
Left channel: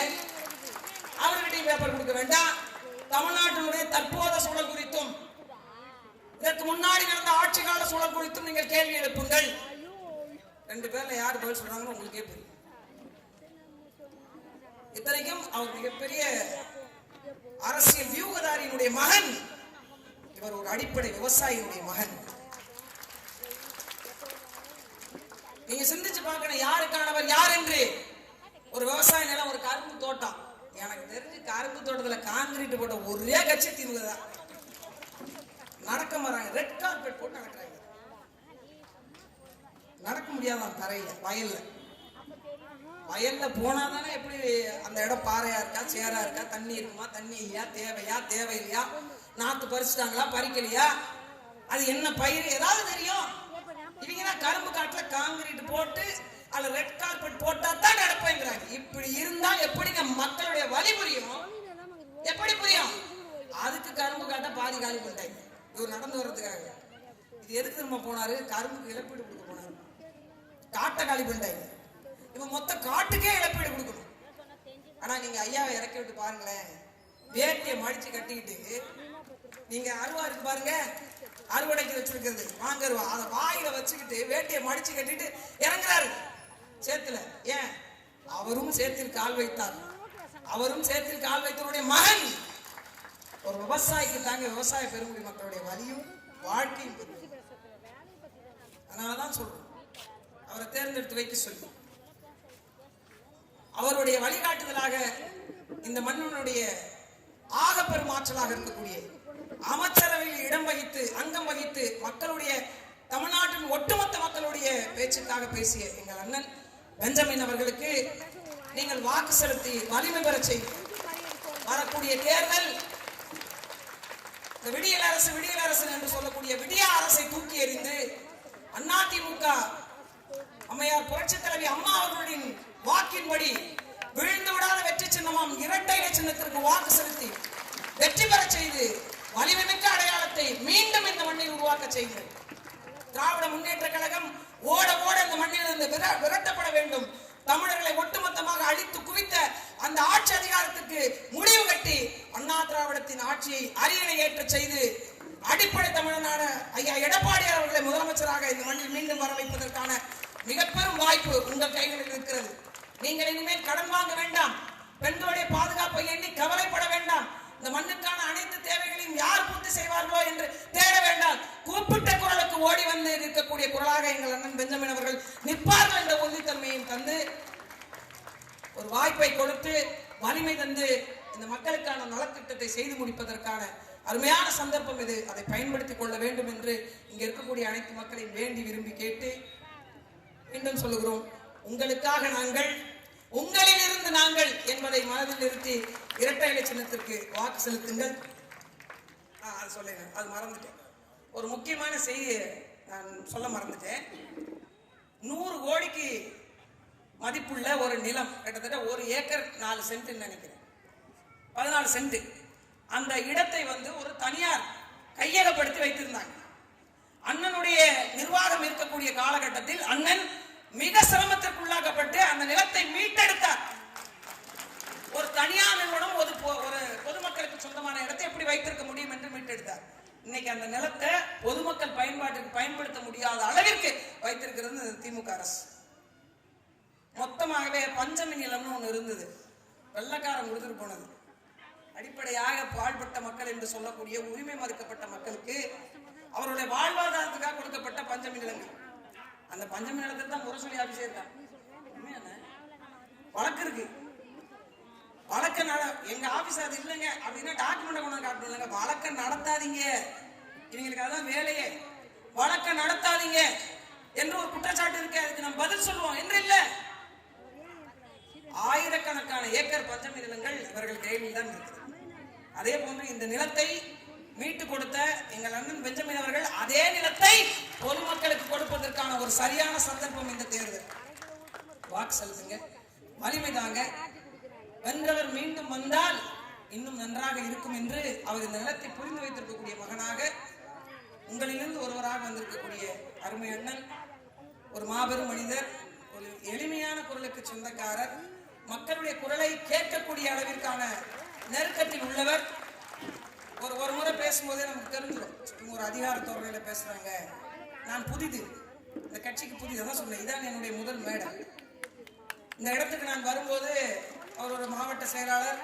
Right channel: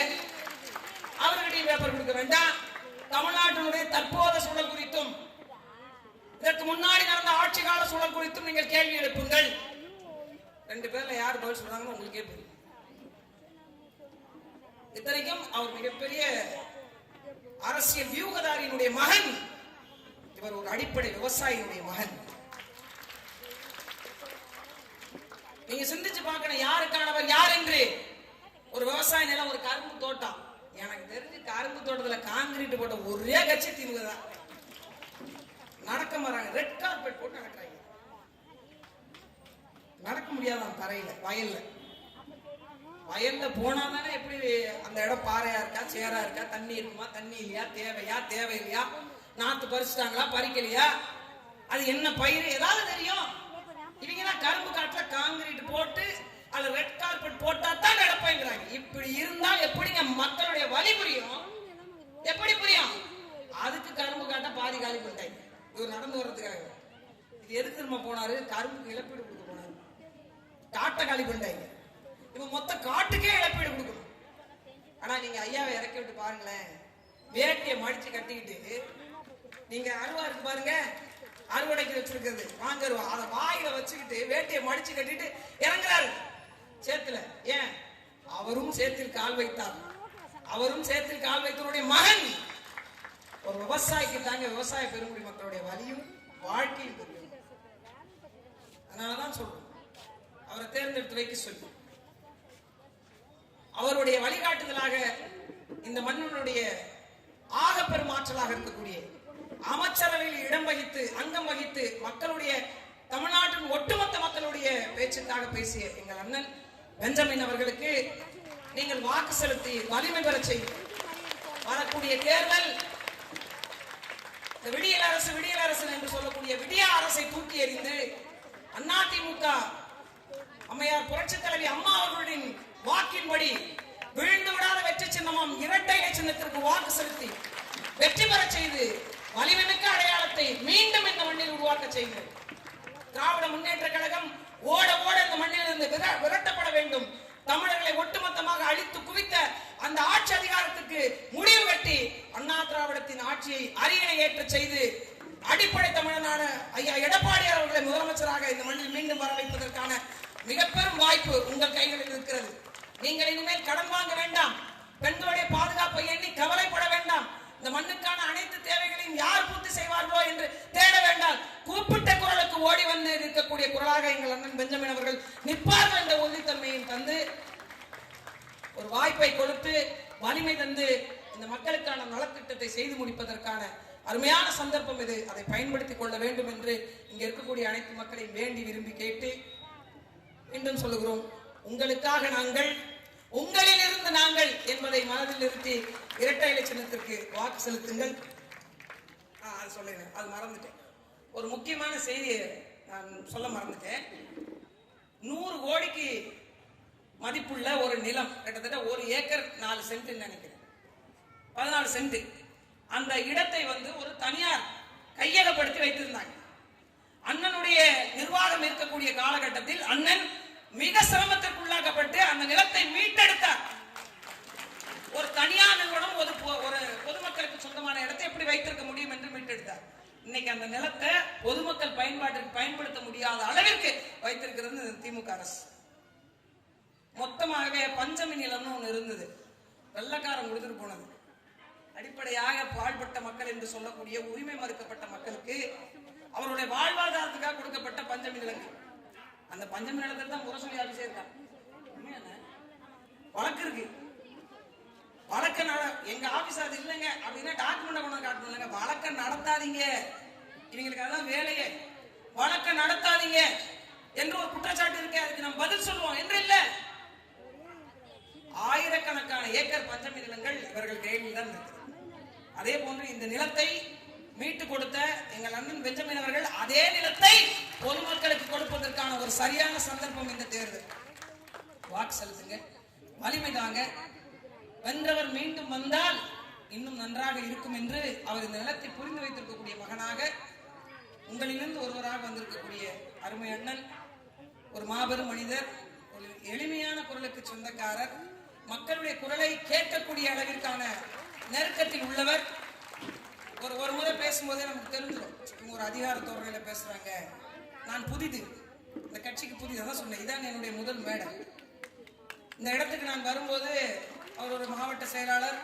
அவர்களிடையே பேப்பர் கொடுக்க வேண்டாம். தமிழ்நாட்டினுடைய தற்போதைய சூழல் குறித்தும் இதற்கு முன்னாடி நடந்த ஆட்சி கால சூழல் குறித்தும் நீங்கள் கேள்வி எழுப்புங்கள். 2 பேர்ல யார் பதில் சொல்றாங்கன்னு உங்களுக்கே புரியும். இத்தனைக்கும் அவர் மிகப்பெரிய அரசியல் வியூகதாரியினுடைய மகன், இவர் ஒரு அடிப்படை விவசாயியினுடைய மகன். நீங்க சிந்திச்சு பார்க்கணும் யாருக்கானவர் யார் என்று. ஒரு விவசாய நிலம், ஒரு கரும்பு தோட்டம். எனக்கு தெரிஞ்சு கரும்பு தோட்டத்துல கான்கிரீட் போட்ட ஒரே கட்சி திமுக தான். நடக்க மாறாங்க, ரெட் கார்பெட் போட்டு நடக்கிறாங்க. நடக்க முடியாதான் தரையில, வயல்ல போனாதானே எப்படி அந்த இடம் பாறையா இருக்கா, சேரா இருக்கா, தண்ணி இருக்குமா, தண்ணி இல்லையா, தேவையில்லையா, நாத்து பறிச்சுட்டாங்களா, பறிக்கலையா, அது என்ன பயிர் ஏதாவது தெரியும். இவங்க கரும்பு காட்டுல கான்கிரீட் போட்டு அதுல ரெட் கார்பெட் போட்டா தான் நடப்பேங்கிறாங்க. இப்படி இருந்தா எப்படிங்க மக்களுடைய வலி புரியும்? எப்படி புரியும்? அதுக்கு கரும்பு காட்ட பாதி காலி பண்ணிட்டாங்க. இவர் நடந்து வர்றதுக்காக. இது எதுக்கு திரும்ப போனாரு? கரும்புக்கு இழப்பீடு கொடுக்க போனாரு. காட்டை காலி பண்ணிட்டாங்க. இவன் மொத்த காட்டுக்கே இழப்பீடு கொடுக்கணும். ஆனா நீங்க ஐயாவை இறக்கி விட்டு பாருங்களேன், வேட்டியை மடிச்சு கட்டிக்கிட்டு, நீங்க அருவா இருக்கு பாருங்க, அறுவடைக்கு வச்சிருக்கிறது வாங்கருவா, அதை வாயில வச்சுக்கிட்டு வேட்டியை மடிச்சு கட்டிட்டு இறங்குறாரு சேத்துல. ஏன்? அவரும் சேத்தில் கால் வைத்தார். அவரும் சேத்தில் கால் வைத்தவருடைய மகன். ஒரு விவசாயிக்கு தாங்க விவசாய பெருங்குடி மக்களுடைய வலியும் வாழ்க்கையும் பெருகும். அதனாலதான் சொல்றோம் அவரை தேர்ந்தெடுத்து வைக்க சொல்லி. அவருடைய வழிகாட்டுதலாக இந்த மன்னனுடைய ஆக பெருமாற்றலாக இருக்கக்கூடிய அமைச்சரவையில் இடம் வகித்து அங்கம் வகித்து மக்களுடைய தமிழ்நாட்டின் ஒட்டுமொத்த மக்களுடைய பேச்சுக்காக பேசிய எங்கள் அண்ணன் பெஞ்சமின் அவர்களுக்கு நீங்கள் வாக்கு செலுத்தி வலிமை பெற செய்ய வரக்கூடிய தேர்தல் விடியல் அரசு என்று சொல்லக்கூடிய விடிய அரசை தூக்கி எறிந்து அதிமுக அம்மையார் புரட்சி தலைவி அம்மா அவர்களின் வாக்கின்படி விழுந்து விடாத வெற்றி சின்னமாம் இரட்டை இலை சின்னத்திற்கு வாக்கு செலுத்தி வெற்றி பெற செய்து வலிமைமிக்க அடையாளத்தை மீண்டும் இந்த மண்ணில் உருவாக்க செய்கிறது. திராவிட முன்னேற்ற கழகம் ஓட ஓட இந்த மண்ணில் இருந்து விரட்டப்பட வேண்டும். தமிழர்களை ஒட்டுமொத்தமாக அழித்து குவித்த அந்த ஆட்சி அதிகாரத்துக்கு முடிவு கட்டி அண்ணா திராவிடத்தின் ஆட்சியை அரியணை ஏற்ற செய்து அடிப்படை தமிழனான ஐயா எடப்பாடியார் அவர்களை முதலமைச்சராக இந்த மண்ணில் மீண்டும் வர வைப்பதற்கான மிக பெரும் வாய்ப்பு உங்கள் கைகளில் இருக்கிறது. நீங்கள் இனிமேல் கடன் வாங்க வேண்டாம். பெண்களுடைய பாதுகாப்பை எண்ணி கவலைப்பட வேண்டாம். இந்த மண்ணுக்கான அனைத்து தேவைகளையும் யார் பூர்த்தி செய்வார்களோ என்று தேட வேண்டாம். கூப்பிட்ட குரலுக்கு ஓடி வந்து இருக்கக்கூடிய குரலாக எங்கள் அண்ணன் பெஞ்சமின் அவர்கள் நிற்பார்கள் என்ற உறுதித்தன்மையும் தந்து ஒரு வாய்ப்பை கொடுத்து வலிமை தந்து இந்த மக்களுக்கான நலத்திட்டத்தை செய்து முடிப்பதற்கான அருமையான சந்தர்ப்பம் இது. அதை பயன்படுத்திக் கொள்ள வேண்டும் என்று இங்க இருக்கக்கூடிய அனைத்து மக்களையும் வேண்டி விரும்பி கேட்டு மீண்டும் சொல்லுகிறோம், உங்களுக்காக நாங்கள், உங்களில் இருந்து நாங்கள் என்பதை மனதில் நிறுத்தி இரட்டை இலை சின்னத்திற்கு வாக்கு செலுத்துங்கள். அது சொல்லுங்க, அது மறந்துட்டேன். ஒரு முக்கியமான செய்தியை நான் சொல்ல மறந்துட்டேன். 100 கோடிக்கு மதிப்புள்ள ஒரு நிலம், கிட்டத்தட்ட 1 ஏக்கர் 4 சென்ட் நினைக்கிறேன், 14 சென்ட். அந்த இடத்தை ஒரு தனியார் கையகப்படுத்தி வைத்திருந்தாங்க. அண்ணனுடைய நிர்வாகம் இருக்கக்கூடிய காலகட்டத்தில் அண்ணன் மிக சிரமத்திற்குள்ளாக்கப்பட்டு அந்த நிலத்தை மீட்டெடுத்தார். ஒரு தனியார் நிறுவனம் ஒரு பொதுமக்களுக்கு சொந்தமான இடத்தை எப்படி வைத்திருக்க முடியும் என்று மீட்டெடுத்தார். இன்னைக்கு அந்த நிலத்தை பொதுமக்கள் பயன்பாட்டிற்கு பயன்படுத்த முடியாத அளவிற்கு வைத்திருக்கிறது திமுக அரசு. மொத்தமாகவே பஞ்சமி நிலம்னு ஒண்ணு இருந்தது, வெள்ளக்காரன் கொடுத்துட்டு போனது. அடிப்படையாக பாழ்பட்ட மக்கள் என்று சொல்லக்கூடிய உரிமை மறுக்கப்பட்ட மக்களுக்கு அவருடைய வாழ்வாதாரத்துக்காக கொடுக்கப்பட்ட பஞ்சமி நிலங்கள். அந்த பஞ்சமி நிலத்தில் தான் முரசொலி ஆபீஸே இருக்காங்க. வழக்கு இருக்கு. வழக்க எங்க ஆபீஸ் அது இல்லைங்க அப்படின்னா டாக்குமெண்ட் கொண்டு காட்டணும். இல்லைங்க, வழக்க நடத்தாதீங்க, இவங்களுக்கு அதான் வேலையே. வழக்க நடத்தாதீங்க என்று ஒரு குற்றச்சாட்டு இருக்கு, அதுக்கு நம்ம பதில் சொல்லுவோம் என்று இல்ல. ஆயிரக்கணக்கான ஏக்கர் பஞ்சமி நிலங்கள் இவர்கள் கையில் தான் இருக்கு. அதே போன்று இந்த நிலத்தை மீட்டு கொடுத்த எங்கள் அண்ணன் பெஞ்சமின் அவர்கள் அதே நிலத்தை பொதுமக்களுக்கு கொடுப்பதற்கான ஒரு சரியான சந்தர்ப்பம் இந்த தேர்தல். வாக்கு செலுத்துங்க, வலிமை தாங்க. வென்றவர் மீண்டும் வந்தால் இன்னும் நன்றாக இருக்கும் என்று அவர் இந்த நிலத்தை புரிந்து வைத்திருக்கக்கூடிய மகனாக உங்களிலிருந்து ஒருவராக வந்திருக்கக்கூடிய அருமை அண்ணன், ஒரு மாபெரும் மனிதர், ஒரு எளிமையான குரலுக்கு சொந்தக்காரர், மக்களுடைய குரலை கேட்கக்கூடிய அளவிற்கான நெருக்கத்தில் உள்ளவர். ஒரு முறை பேசும்போதே நமக்கு தெரிஞ்சிடும், இவங்க ஒரு அதிகார தோரணையில பேசுறாங்க. நான் புதிது, இந்த கட்சிக்கு புதிது, அதான் சொன்னேன், இதான் என்னுடைய முதல் மேடை. இந்த இடத்துக்கு நான் வரும்போது அவர் ஒரு மாவட்ட செயலாளர்,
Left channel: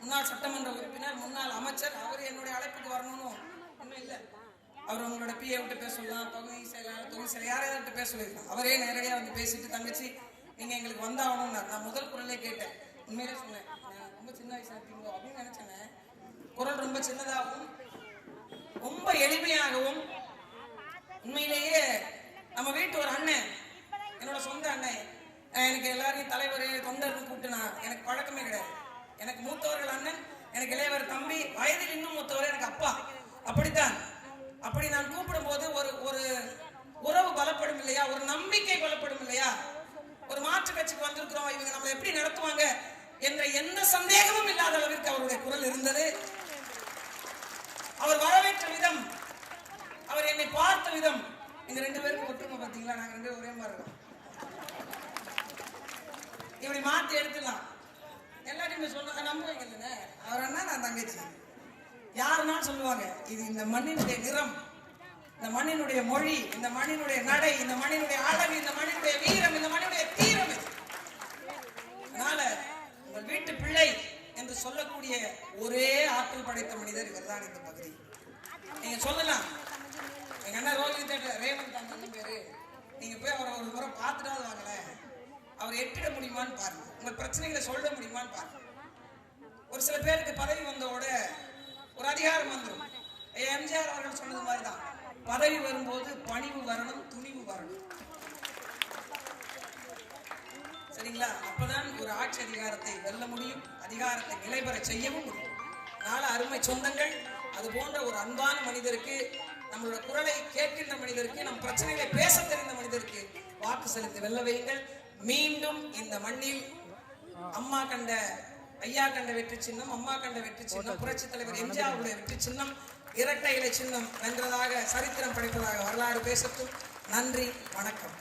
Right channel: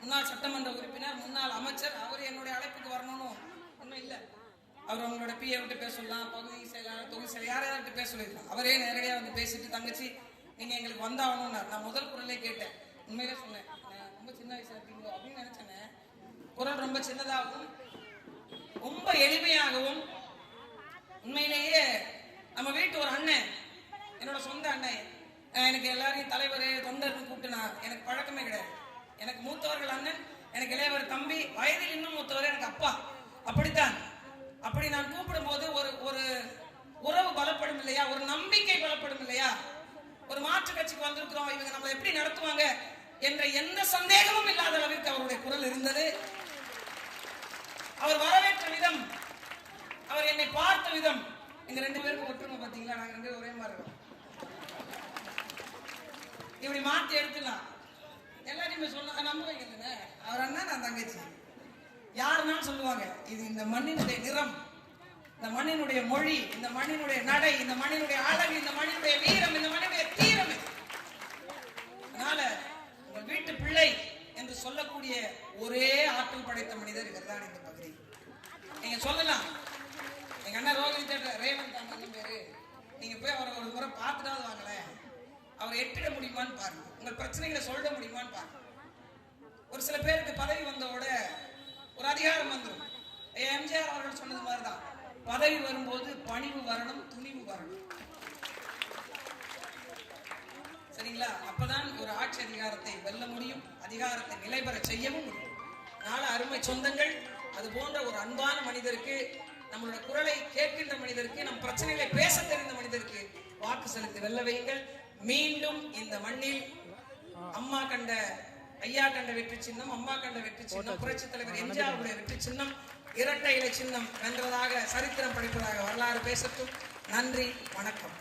முன்னாள் சட்டமன்ற உறுப்பினர், முன்னாள் அமைச்சர், அவர் என்னுடைய அழைப்புக்கு வரணும்னு ஒன்றும் இல்லை. அவர் உங்களோட பிஏ விட்டு பேச சொல்லலாம், பகுதி செயலாளர், தொகுதி செயலாளர், யாராவது பேச சொல்லியிருக்கலாம். அவரே நேரடியாக வந்து பேசிட்டு, தங்கச்சி நீங்க எங்களுக்கு வந்தாகணும்னா நான் முதல் குரலே கேட்டேன். உண்மையிலே சொன்னேன், ரொம்ப சின்ன வயசா இருக்கீங்களோ அப்படின்னு நினைச்சேன். குரல் ரொம்ப சின்னதாகவும் ரொம்ப எளிமையாகவும், உண்மையிலேயே நம்ம வீட்டு ஒரு அண்ணன், என்னோட சொந்த அண்ணன், எனக்கு எல்லாரையும் தலைவர் தொண்டர்கள் கூப்பிட்டுனார். எனக்கு பழக்கமே கிடையாது. எனக்கு மூத்தவர்கள் அண்ணன், எனக்கு இளையவர் தம்பி, வயதில் இன்னும் மூத்தவர் எனக்கு அப்பா. அப்படித்தான். அப்படி நான் கூப்பிடும் போது ஒரு உறவு பலப்படும் இல்லையா, ஒரு நம்பிக்கை பலப்படும் இல்லையா. ஒரு மாற்று கட்சிக்கு வந்திருக்கிறோம், இவங்க நம்மளை எப்படி நடத்துவாங்க என்ற எந்த சந்தேகமும் இல்லாத அளவிற்கு அவருடைய குரல் இருந்தது. அவர் வரவேற்ற விதம், அவர் என்னை பார்த்த விதம், எங்க 2 பேருக்கு ஒற்றுமை பாத்தீங்களா, நாங்க 2 பேரும் ஒரே மாதிரி இருக்கோம். இப்படி மாற்றி எடுத்துலாம். எல்லாரையுமே சொன்ன நம்புவீங்க இல்லைன்னு அவர் அண்ணா நான் தங்கச்சி யாருன்னாலும் சொல்லுவாங்க இது இந்த மண்ணினுடைய நிறம், இந்த மண்ணினுடைய மொழி, இந்த மண்ணினுடைய நடை, இந்த மண்ணினுடைய அழகு, இந்த மண்ணினுடைய வீரம், இந்த மண்ணினுடைய தீரம். அதனால உங்கள் வீட்டு பிள்ளை என்று சொல்லக்கூடிய ஒரே ஆற்றல் படைத்த மனிதர் இவர்தான் இந்த பகுதி. நீங்க சொல்லலாம் எங்க அண்ணா ரோஹிணி ரேவந்த் அண்ணன் பேரு, நீங்க போய் அவரை ஒரு முறை பார்த்துட்டாவது வாங்கல, அவர் எட்டிட முடியுமான்னு பாருங்க, உங்கள் பிரச்சனைகளை சொல்ல முடியுமான்னு பாருங்க. ஒரு சில பேருக்கு பதவி வந்தோட ஒரு அதிகாரம் வந்துடும். எம்ஜிஆர் அவர்கள் சொன்னது மாதிரிதான், பதவி வரும்போது பணிவு வரணும், துணிவு வரணும். சரிங்களா? அப்பதான் ஒரு ஆட்சி அதிகாரத்தை வெல்ல முடியும், அதிகாரத்தை நிலைபெற செய்யவும் முடியும். அதனால அருமை சொந்தங்கள், அது போன்ற ஒரு அன்பான மனிதருக்கு, நம்மளோட குரலை கேட்கின்ற மனிதருக்கு, நம் பிரச்சனைகளை பேச தெரிந்த மனிதருக்கு வாக்கு செலுத்தி வெல்ல வையுங்கள். மீண்டும் இந்த மண்ணில் அம்மா கண்ட, ஐயா கண்ட வெற்றி சின்னம், அம்மா கண்ட வெற்றி சின்னம், புரட்சி தலைவர் எம்ஜிஆருடைய வெற்றி சின்னம், இரட்டை இலை சின்னம் வென்றதாக சரித்திரம் படைப்பதாக வரலாறு பேசட்டும். நன்றி, வணக்கம்.